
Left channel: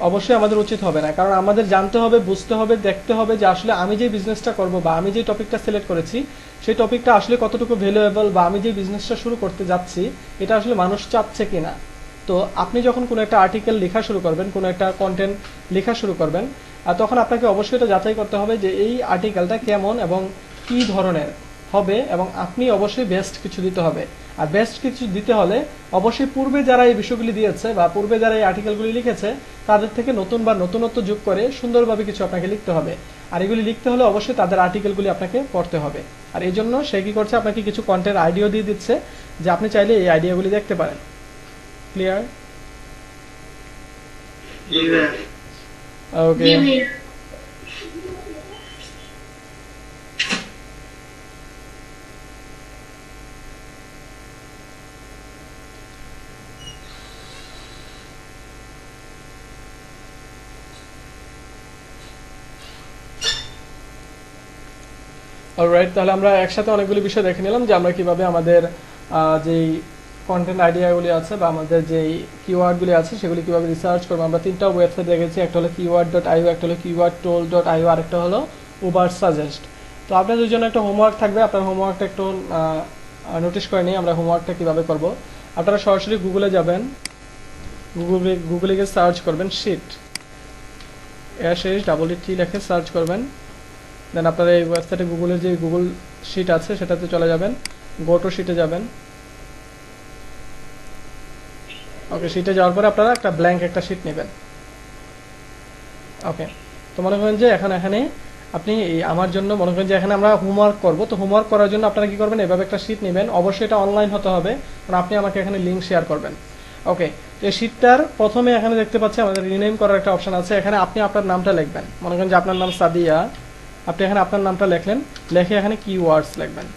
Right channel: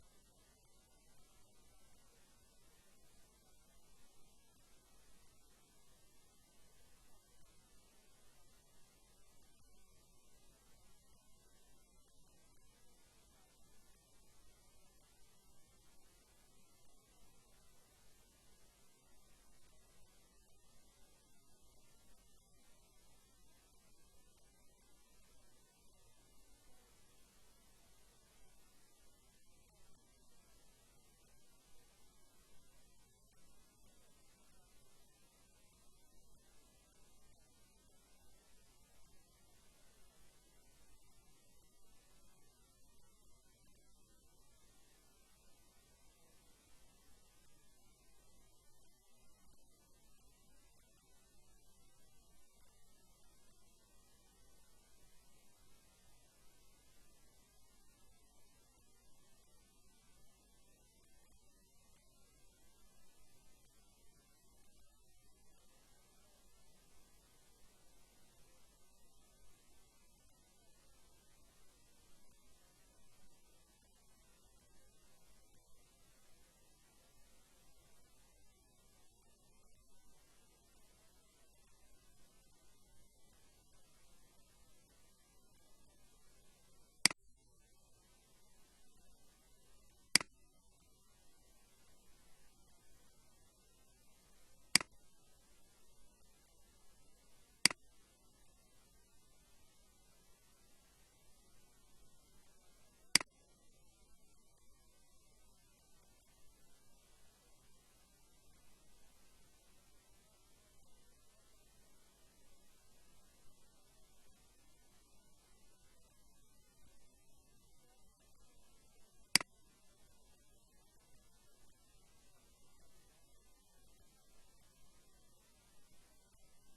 অবশ্যই আমাদের উচিত হবে না। কারণ আমাদের জানতে হবে, বুঝতে হবে, দেখতে হবে যে আসলে আমি যে বিজনেসটা করব বা আমি যে টপিকটা সিলেক্ট করেছি সেই টপিকটা আসলে কতটুকু ভ্যালুয়েবল, বা আমি যে বিজনেসটা শুরু করতে যাচ্ছি এটা আসলে মানুষ চাচ্ছে কিনা। তো আপনি যখন কোনো একটা আর্টিকেল লেখা শুরু করবেন, কোনো একটা কন্টেন্ট লেখা শুরু করবেন, তখন আপনাকে অবশ্যই এটা যাচাই করতে হবে যে এই আর্টিকেলটা কেমন এবং কি ধরনের হবে, এবং আপনি অবশ্যই বেস্ট কিছু দিতে হবে। আর বেস্ট কিছু দিতে হলে অবশ্যই পূর্বে যারা এই বিষয়গুলি দিয়েছে বা পূর্বে যারা এই আর্টিকেলগুলি লিখেছে তাদের থেকে নতুন বা নতুনত্ব যোগ করে সুন্দরভাবে কিছু আপনাকে লিখতে হবে। আর এগুলি লিখতে হলে অবশ্যই তাদের আর্টিকেলগুলি আপনাকে পড়তে হবে। আর এই জন্য সে কি করছে, আপনাকে কিছু কন্টেন্ট আইডিয়া দিয়ে দিচ্ছে যে আপনি চাইলে এই আইডিয়াগুলি দেখতে পারেন। ক্লিয়ার? ওকে, অলরাইট, তাহলে আমরা একসাথে অনেকগুলি বিষয় দেখে নিলাম যে আমরা কিভাবে আমাদের যেই কন্টেন্ট আইডিয়াগুলি আছে বা আমাদের যেই কিওয়ার্ডগুলি আছে সেগুলি কিভাবে রিসার্চ করবো। আমরা 3টা ওয়েবসাইট দেখেছি, একটা হলো keyword.io, একটা হলো keywordtool.io, আর একটা হলো Ubersuggest। তো আপনাদের জন্য একটা হোমওয়ার্ক থাকবে, আপনার হোমওয়ার্কটা একটু নোটিশ করে নিই আমরা হোমওয়ার্কটা কিভাবে করব। আপনারা সরাসরি গুগলে যাবেন, গুগলে গিয়ে সার্চ করবেন শিট, SHEET লিখে সার্চ করবেন। দেন আপনারা এই ওয়েবসাইটে গুগলের যে গুগল শিট আছে সেটাতে চলে যাবেন, গো টু শিটে যাবেন। ওকে, শিটে যাওয়ার পরে আপনারা একটা ব্ল্যাঙ্ক একটা শিট নেবেন। ওকে, তো মনে করেন যে এখানে আপনি আমার জন্য মনে করেন যে এখানে আমরা হোমওয়ার্ক করব। তো হোমওয়ার্ক করার জন্য আপনারা কি করবেন, এভাবে একটা শিট নেবেন। অবশ্যই এটা অনলাইন হতে হবে, কারণ আপনি আমাকে এখানে লিঙ্ক শেয়ার করবেন। ওকে, তো এই শিটটার প্রথমে এখানে দেখতে পাচ্ছি আমাদের রিনেম করার একটা অপশন আছে। এখানে আপনি আপনার নামটা লিখবেন। মনে করেন যে আপনার নাম সাদিয়া, আপনি এখানে আপনার নামটা লিখলেন, লিখে এখানে কিওয়ার্ডস লিখবেন।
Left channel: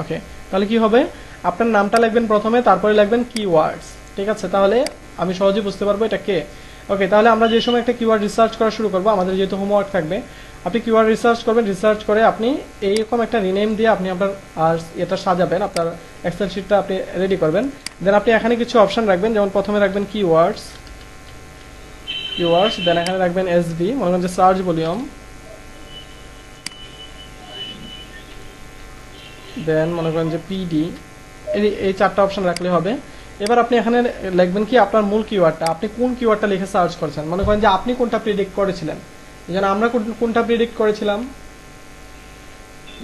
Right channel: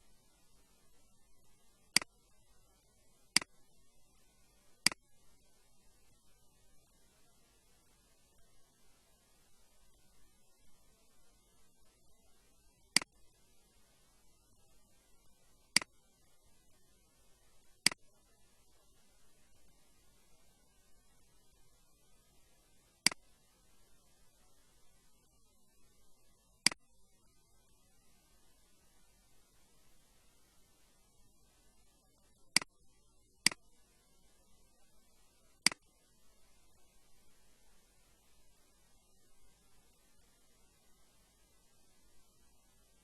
ওকে, তাহলে কি হবে, আপনার নামটা লিখবেন প্রথমে, তারপরে লিখবেন কিওয়ার্ডস। ঠিক আছে, তাহলে আমি সহজে বুঝতে পারবো এটা কে। ওকে, তাহলে আমরা যে সময় একটা কিওয়ার্ড রিসার্চ করা শুরু করবো, আমাদের যেহেতু হোমওয়ার্ক থাকবে, আপনি কিওয়ার্ড রিসার্চ করবেন, রিসার্চ করে আপনি এইরকম একটা রিনেম দিয়ে আপনি আপনার এটা সাজাবেন, আপনার এক্সেল শিটটা আপনি রেডি করবেন। দেন আপনি এখানে কিছু অপশন রাখবেন, যেমন প্রথমে রাখবেন কিওয়ার্ডস, দেন এখানে রাখবেন এসভি, মনে করেন যে সার্চ ভলিউম, দেন মনে করেন যে পিডি, এই চারটা অপশন রাখলে হবে। এবার আপনি এখানে লিখবেন কি আপনার মূল কিওয়ার্ডটা, আপনি কোন কিওয়ার্ডটা লিখে সার্চ করছেন। মনে করেন যে আপনি কোনটা প্রেডিক্ট করেছিলেন, যেন আমরা কোনটা প্রেডিক্ট করেছিলাম,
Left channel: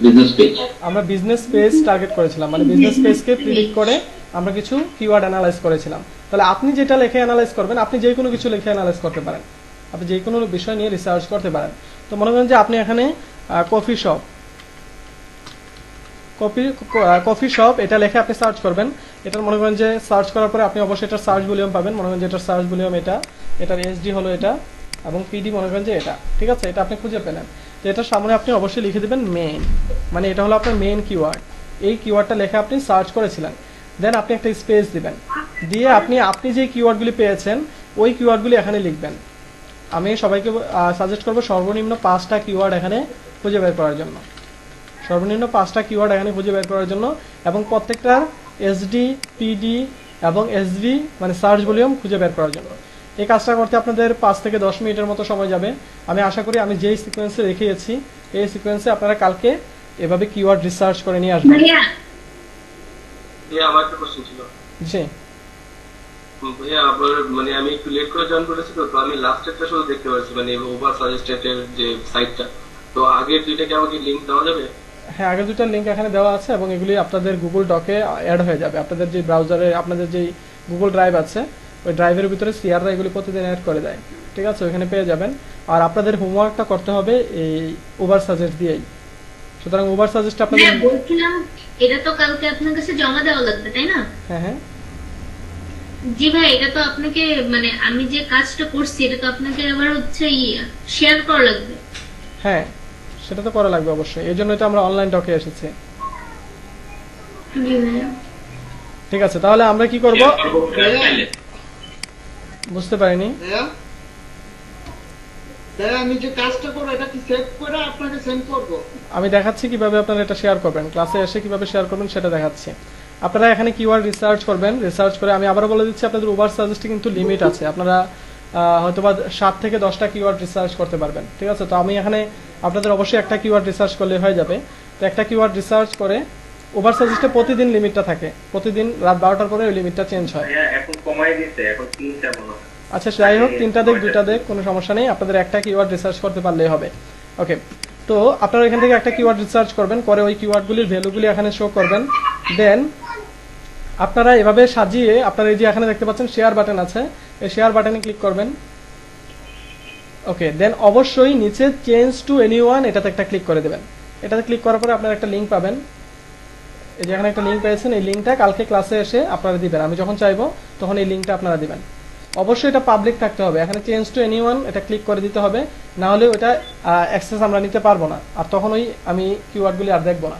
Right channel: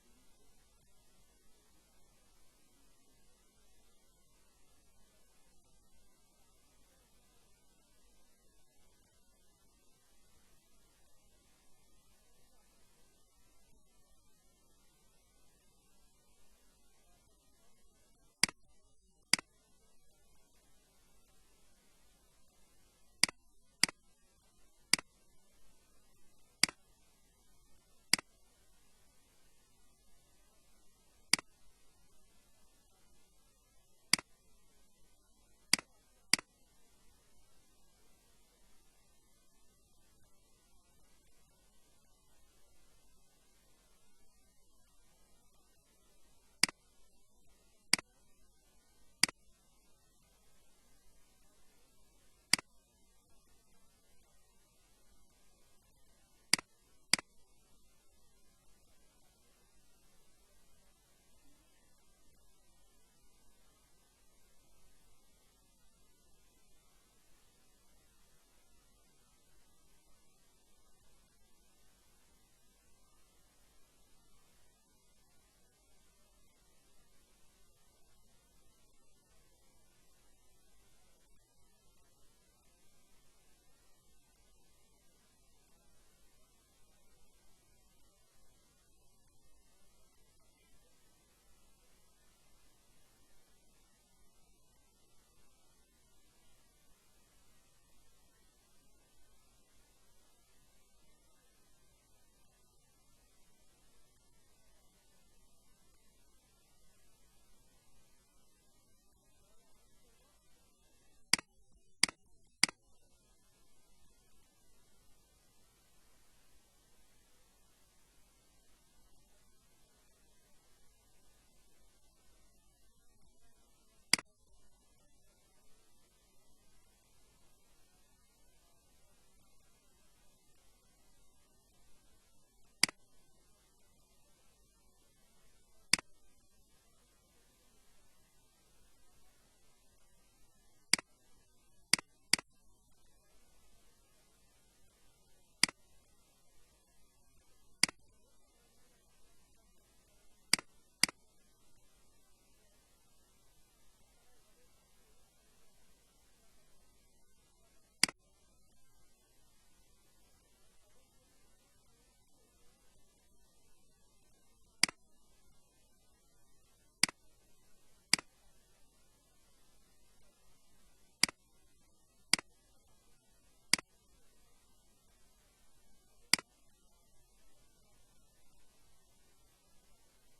বিজনেস পেজ। আমরা বিজনেস পেজ টার্গেট করেছিলাম, মানে বিজনেস পেজকে প্রেডিক্ট করে আমরা কিছু কিওয়ার্ড অ্যানালাইজ করেছিলাম। তাহলে আপনি যেটা লিখে অ্যানালাইজ করবেন, আপনি যে কোনো কিছু লিখে অ্যানালাইজ করতে পারেন, আপনি যে কোনো বিষয় নিয়ে রিসার্চ করতে পারেন। তো মনে করেন যে আপনি এখানে কফি শপ, কফি শপ এটা লিখে আপনি সার্চ করবেন। এটা মনে করেন যে সার্চ করার পরে আপনি অবশ্যই এটার সার্চ ভলিউম পাবেন, মনে করেন যে এটার সার্চ ভলিউম এটা, এটার এসডি হলো এটা, এবং পিডি মনে করেন যে এটা। ঠিক আছে, এটা আপনি খুঁজে পেলেন, তো এটার সামনে আপনি অবশ্যই লিখে দেবেন মেইন, মানে এটা হলো আপনার মেইন কিওয়ার্ড। এই কিওয়ার্ডটা লেখা আপনি সার্চ করেছিলেন, দেন আপনি একটা স্পেস দিবেন, দিয়ে আপনি যে কিওয়ার্ডগুলি পেয়েছেন ওই কিওয়ার্ডগুলি এখানে লিখবেন। আমি সবাইকে সাজেস্ট করবো সর্বনিম্ন 5টা কিওয়ার্ড এখানে খুঁজে বের করার জন্য, সর্বনিম্ন 5টা কিওয়ার্ড এখানে খুঁজে বের করার জন্য, এবং প্রত্যেকটার এসডি, পিডি এবং এসভি মানে সার্চ ভলিউম খুঁজে বের করার জন্য। এই কাজটা করতে আপনাদের 5 থেকে 10 মিনিটের মতো সময় যাবে। আমি আশা করি আমি যেই সিকোয়েন্সে রেখেছি এই সিকোয়েন্সে আপনারা কালকে এভাবে কিওয়ার্ড রিসার্চ করে নিয়ে আসবেন। ভাইয়া ভাইয়া আমার একটা কোশ্চেন ছিল। জি, ভাইয়া আবার মানে আমি একটু লেট করে জয়েন করেছি, তো আমি লাস্ট একটা শুধু দেখতে পাচ্ছি, মানে ওভার সাজেস্টেড যে সাইটটা, তো আগের দুইটাকে আমাকে লিংক দেওয়া যাবে? হ্যাঁ, আগে দুটো লিঙ্ক এখানে দেওয়া আছে এবং এগুলি আপনাদের গুগল ডকে অ্যাড হয়ে যাবে। আপনাদের যে ব্রাউজারে আপনাদের যে গুগল ড্রাইভ আছে ওই ড্রাইভের ভিতরে সিআররা এগুলি প্রতিদিন অ্যাড করে দেয়। ঠিক আছে, ওইখানে পেয়ে যাবেন। আর আপনাদের হোমওয়ার্কটা করতে হবে এই ওভার সাজেস্ট দিয়েই। সুতরাং ওভার সাজেস্ট আপনাদের, হ্যাঁ বলছিলাম এটা তো কালকে আপনার কাছে জমা দেওয়া লাগবে তাই না? হ্যাঁ হ্যাঁ জি ভাই, এটা তো আপনাকে মানে আমি যে কাজটা করছি এটা তো আপনাকে আবার হচ্ছে শেয়ার করা লাগবে। হ্যাঁ, সেটা তো করা লাগবে অবশ্যই, এই জন্যই তো আমরা অনলাইন ডকে এসেছি। জি ভাইয়া। ঠিক আছে, তাহলে আমরা কি করব বুঝতে পারিনি। ভাইয়া ভাইয়া আমি যে কাজটা করবো এটা কি সেভ করে আপনাকে সেন্ড করবো? আমি দেখাচ্ছি কিভাবে আপনারা এটা শেয়ার করবেন, ক্লাসে এসে কিভাবে শেয়ার করবেন সেটা দেখাচ্ছি। আপনারা এখানে কিওয়ার্ড রিসার্চ করবেন, রিসার্চ করে আমি আবারও বলে দিচ্ছি আপনাদের ওভার সাজেস্টে কিন্তু লিমিট আছে, আপনারা হয়তোবা 7 থেকে 10টা কিওয়ার্ড রিসার্চ করতে পারবেন। ঠিক আছে, তো আমি এখানে আপনাদের অবশ্যই একটা কিওয়ার্ড রিসার্চ করলে হয়ে যাবে। তো একটা কিওয়ার্ড রিসার্চ করে ওভার সাজেস্টে প্রতিদিন লিমিটটা থাকে, প্রতিদিন রাত 12টার পরে ওই লিমিটটা চেঞ্জ হয়। এখন কমাই দিতে, এখন 3টা মনে হয়। আচ্ছা, যাই হোক, 3টা দেখ 2টা দেখ কোনো সমস্যা নেই, আপনাদের একটা কিওয়ার্ড রিসার্চ করতে পারলেই হবে। ওকে, তো আপনারা এখান থেকে একটা কিওয়ার্ড রিসার্চ করবেন, করে ওই কিওয়ার্ডগুলির ভ্যালুগুলি এখানে শো করবেন। দেন আপনারা এভাবে সাজিয়ে আপনারা এই যে এখানে দেখতে পাচ্ছেন শেয়ার বাটন আছে, এই শেয়ার বাটনে ক্লিক করবেন। ওকে, দেন অবশ্যই নিচে চেঞ্জ টু এনিওয়ান এটাতে একটা ক্লিক করে দেবেন। এটাতে ক্লিক করার পরে আপনারা একটা লিঙ্ক পাবেন, এই যে এখানে একটা লিঙ্ক পেয়েছেন, এই লিঙ্কটা কালকে ক্লাসে এসে আপনারা দিবেন, আমি যখন চাইবো তখন এই লিঙ্কটা আপনারা দিবেন। অবশ্যই এটা পাবলিক থাকতে হবে, এখানে চেঞ্জ টু এনিওয়ান এটা ক্লিক করে দিতে হবে, না হলে ওটা অ্যাক্সেস আমরা নিতে পারবো না, আর তখন ওই আমি কিওয়ার্ডগুলি আর দেখবো না।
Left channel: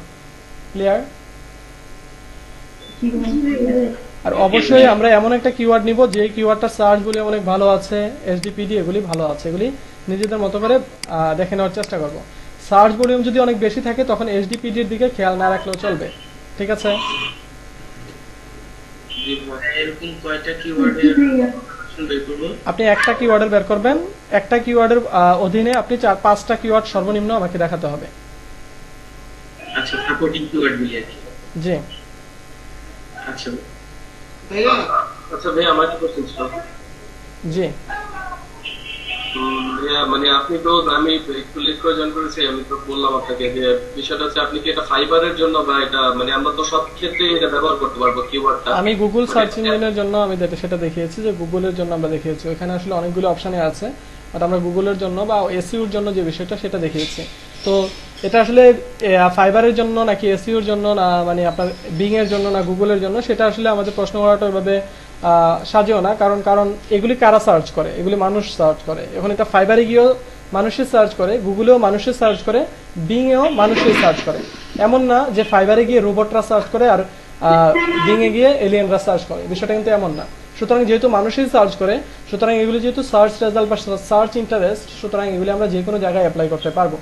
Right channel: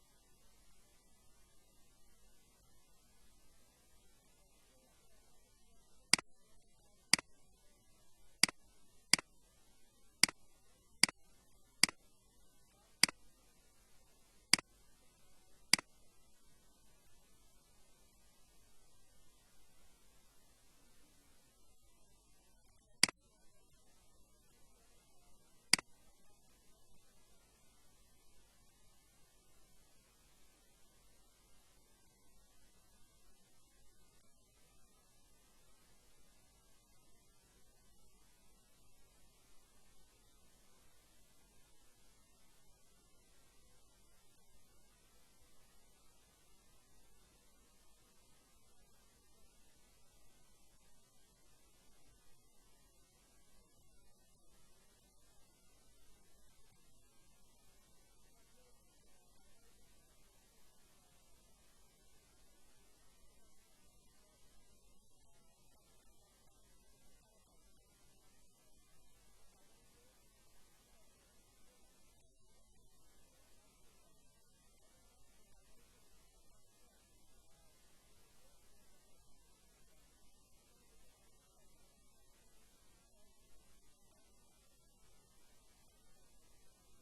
ক্লিয়ার? আর অবশ্যই আমরা এমন একটা কিওয়ার্ড নিব যে কিওয়ার্ডটা সার্চ বলে অনেক ভালো আছে, এসডিপিডি এগুলি ভালো আছে, এগুলি নিজেদের মতো করে দেখে নেওয়ার চেষ্টা করব। সার্চ ভলিউম যদি অনেক বেশি থাকে তখন এসডিপিডির দিকে খেয়াল না রাখলেও চলবে। ঠিক আছে, এরকম কয়টা কিওয়ার্ডের বের করব? আপনি একটা কিওয়ার্ডের বের করবেন, একটা কিওয়ার্ডের অধীনে আপনি 4-5টা কিওয়ার্ড সর্বনিম্ন আমাকে দেখাতে হবে। আচ্ছা, সাপোর্টিং কিওয়ার্ড গুলি আর কি। জি, আচ্ছা ভাইয়া আচ্ছা ভাইয়া আমার একটা কোশ্চেন ছিল। জি, ভাইয়া মানে আপনি তো, আমি একটু লেট করে জয়েন করেছি, আমি তো বললাম আপনাকে যে বিষয়টা হচ্ছে আপনি কি এটা ফাইবারের জন্য বা এটা মানে আমরা তো সব ক্ষেত্রে এটা ব্যবহার করতে পারবো কিওয়ার্ডটা? আমি গুগল সার্চ ইঞ্জিনের জন্য আমি সেটা দেখিয়েছি, যে গুগলের জন্য আমরা দেখিয়েছি, ওখানে আসলে অনেকগুলো অপশনে আছে, বাট আমরা গুগলের জন্য বা এসইউর জন্য যে বিষয়টা সেটা দেখিয়েছি। তো এটা আসলে ফাইবারের জন্য নাকি এসইওর জন্য না মানে আপনার বিং এর জন্য না গুগলের জন্য, সেটা আসলে আমাদের প্রশ্ন করাটা ওইভাবে সাজেও না, কারণ কারণ এগুলি কারা সার্চ করে, এগুলি মানুষ সার্চ করে। এখন এটা ফাইবারে গিয়েও মানুষের সার্চ করে, গুগলেও মানুষের সার্চ করে, বিং এও মানুষের সার্চ করে। এমন না যে ফাইবারে গিয়ে রোবটরা সার্চ করে আর বিং এ গিয়ে এলিয়েনরা সার্চ করে, বিষয়টা কিন্তু এমন না। সুতরাং যেহেতু মানুষই সার্চ করে, সুতরাং এগুলি যেহেতু সার্চ রেজাল্ট বা সার্চ ইন্টারেস্ট, সুতরাং এগুলি আমরা যে কোনো জায়গায় অ্যাপ্লাই করতে পারবো।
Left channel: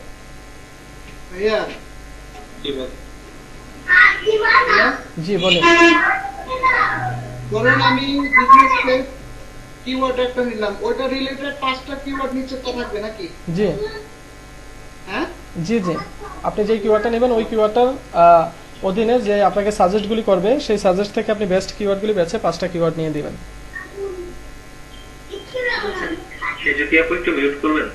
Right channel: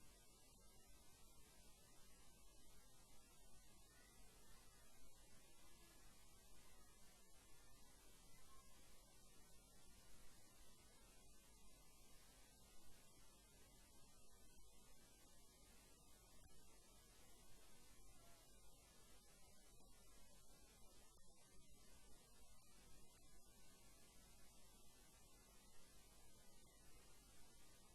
ভাইয়া জি ভাই। ভাইয়া, জি বলুন। ধরেন আমি বিজনেস পেজ কিওয়ার্ড একটা নিলাম, ওটা রিলেটেড 5টা কিওয়ার্ড নিচে তো থাকবে নাকি? জি হ্যাঁ, জি জি, আপনি যে কিওয়ার্ডটা নেবেন ওই কিওয়ার্ডটার অধীনে যে আপনাকে সাজেস্টগুলি করবে, সেই সাজেস্ট থেকে আপনি বেস্ট কিওয়ার্ডগুলি বেছে 5টা কিওয়ার্ড নিয়ে দিবেন। সে যদি আপনি একটু মিউট করবেন।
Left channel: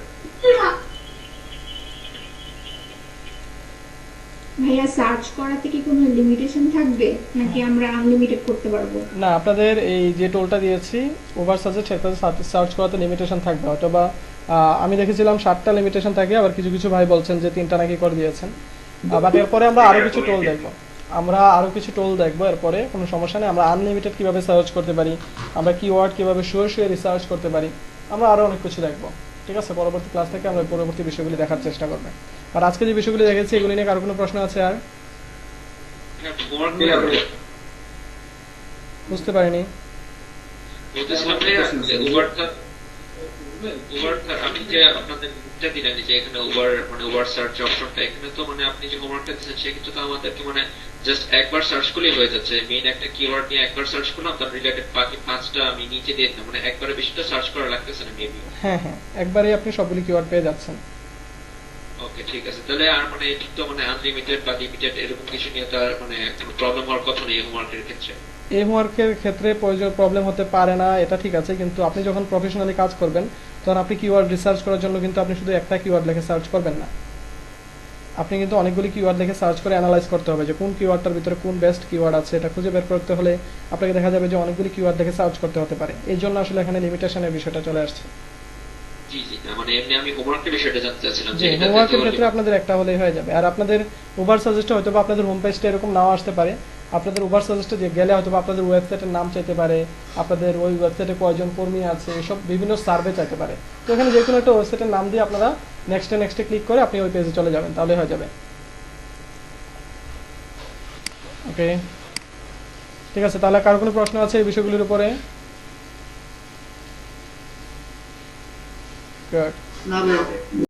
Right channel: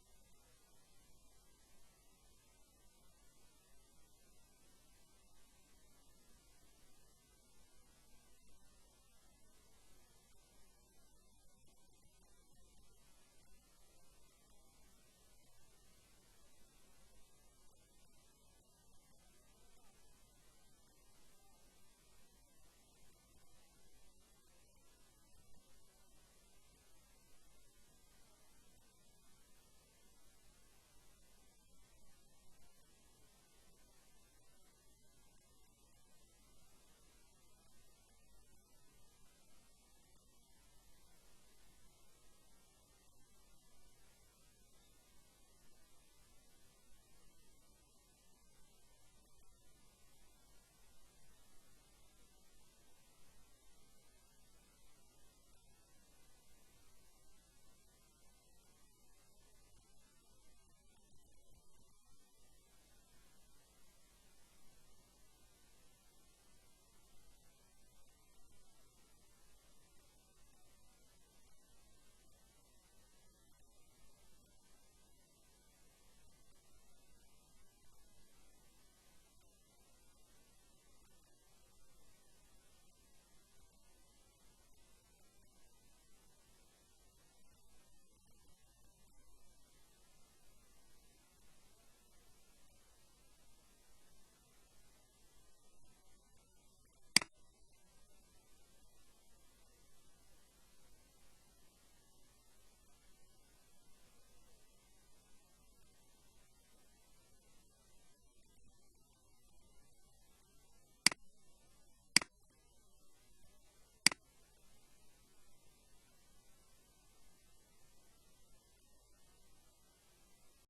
ভাইয়া সার্চ করাতে কি কোনো লিমিটেশন থাকবে নাকি আমরা আনলিমিটেড করতে পারবো? না, আপনাদের এই যে টোলটা দিয়েছি ওভার সাজেস্ট, সেটাতে সার্চ করাতে লিমিটেশন থাকবে, হয়তো বা আমি দেখেছিলাম 7টা লিমিটেশন থাকে, আবার কিছু কিছু ভাই বলছেন যে 3টা নাকি করে দিয়েছেন। বাট এরপরে আমরা আরো কিছু টোল দেখবো, এরপরে কোনো সমস্যা নেই। আমরা আনলিমিটেড কিভাবে সার্চ করতে পারি, আমরা কিওয়ার্ড কিভাবে শুয়ে রিসার্চ করতে পারি, আমরা আরো অনেক কিছু দেখবো। ঠিক আছে, পরবর্তী ক্লাস থেকে আমরা পরবর্তী বিষয়গুলি দেখার চেষ্টা করবো। আর আজকে যে বিষয়গুলি দেখেছি এগুলি নিয়ে কারো কোনো প্রশ্ন আছে? আর হোমওয়ার্ক জি, আপনি- বুঝতে পারিনি। বলতেছিলাম যে উবারটা আমি যে আপনাদের লিঙ্কটা দিলেন যে এখানে উবার মানে উবার সার্চ অপশনটা, এখানে তো মানে আপনি যে হোমওয়ার্কটা দিচ্ছেন সেক্ষেত্রে তো আমাদেরকে মানে জাস্ট একবার সার্চ করলেই হয়ে যাচ্ছে। মেইন একটা কিওয়ার্ড নিয়ে একবার সার্চ করলাম, তার রিলেটেড বাকি 5টা আমি নিচে দিয়ে দিলাম, মানে একবারে বেশিটা সার্চ করা লাগতেছে না মেবি। হ্যাঁ হ্যাঁ, একবারেই আপনি সবগুলি কিওয়ার্ড পেয়ে যাচ্ছেন। ওকে ঠিক আছে, তাহলে আর মানে এটা তো মানে আনলিমিটেড বা লিমিটেড এরকম কিছু নিয়ে তো আর মানে কোনো প্রবলেম হওয়ার কথা নেই হোমওয়ার্কের ক্ষেত্রে। এই হোমওয়ার্কের ক্ষেত্রে প্রবলেম হতে পারে না, এটা ঠিক আছে, কিন্তু আপনি যখন প্রফেশনালি কাজ করবেন তখন আপনি কিওয়ার্ড রিসার্চ করার জন্য কিন্তু আপনি শুধু একটা কিওয়ার্ড লিখে সার্চ করবেন না, আপনি কিন্তু অনেকগুলি কিওয়ার্ড লিখে সার্চ করে অ্যানালাইজ করতে হবে যে কোন কিওয়ার্ডটার ভিতরে কোন বেস্ট কিওয়ার্ড আছে। এটা খুঁজে বের করতে হলে আপনাকে দেখা যাবে যে অনেকগুলি কিওয়ার্ড লিখে সার্চ করতে হতে পারে, এই জন্য আসলে এখানে লিমিটেশনের বিষয়টা চলে আসছে। জি জি, না মানে এমনি আমি হোমওয়ার্কের বিষয়টা জানতে চাচ্ছিলাম যে যে এটাতে হোমওয়ার্কের তো ক্ষেত্রে আপনাদের একটা হলেই হয়ে যাবে। আর আপনাদের উবার সাজেস্টে হয়তো বা আপনাদের হোম পেজটা এরকম নাও আসতে পারে, আপনাদের উবার সাজেস্টে গেলে হয়তো বা আপনাদের ওয়েবসাইটের নাম চাইতে পারে, আপনাদের ওই ওয়েবসাইটে কয়জন কর্মী আছে, এসব বিভিন্ন সার্ভে চাইতে পারে। তো এখানে যে কোনো একটা ওয়েবসাইটের নাম দিয়ে আপনারা নেক্সটে ক্লিক করে আপনি ওই পেজে চলে যাবেন, তাহলে হয়ে যাবে। ওকে ঠিক আছে, তাহলে কারো কোনো প্রশ্ন আছে এই বিষয়গুলির উপরে? গুড। না ভাইয়া।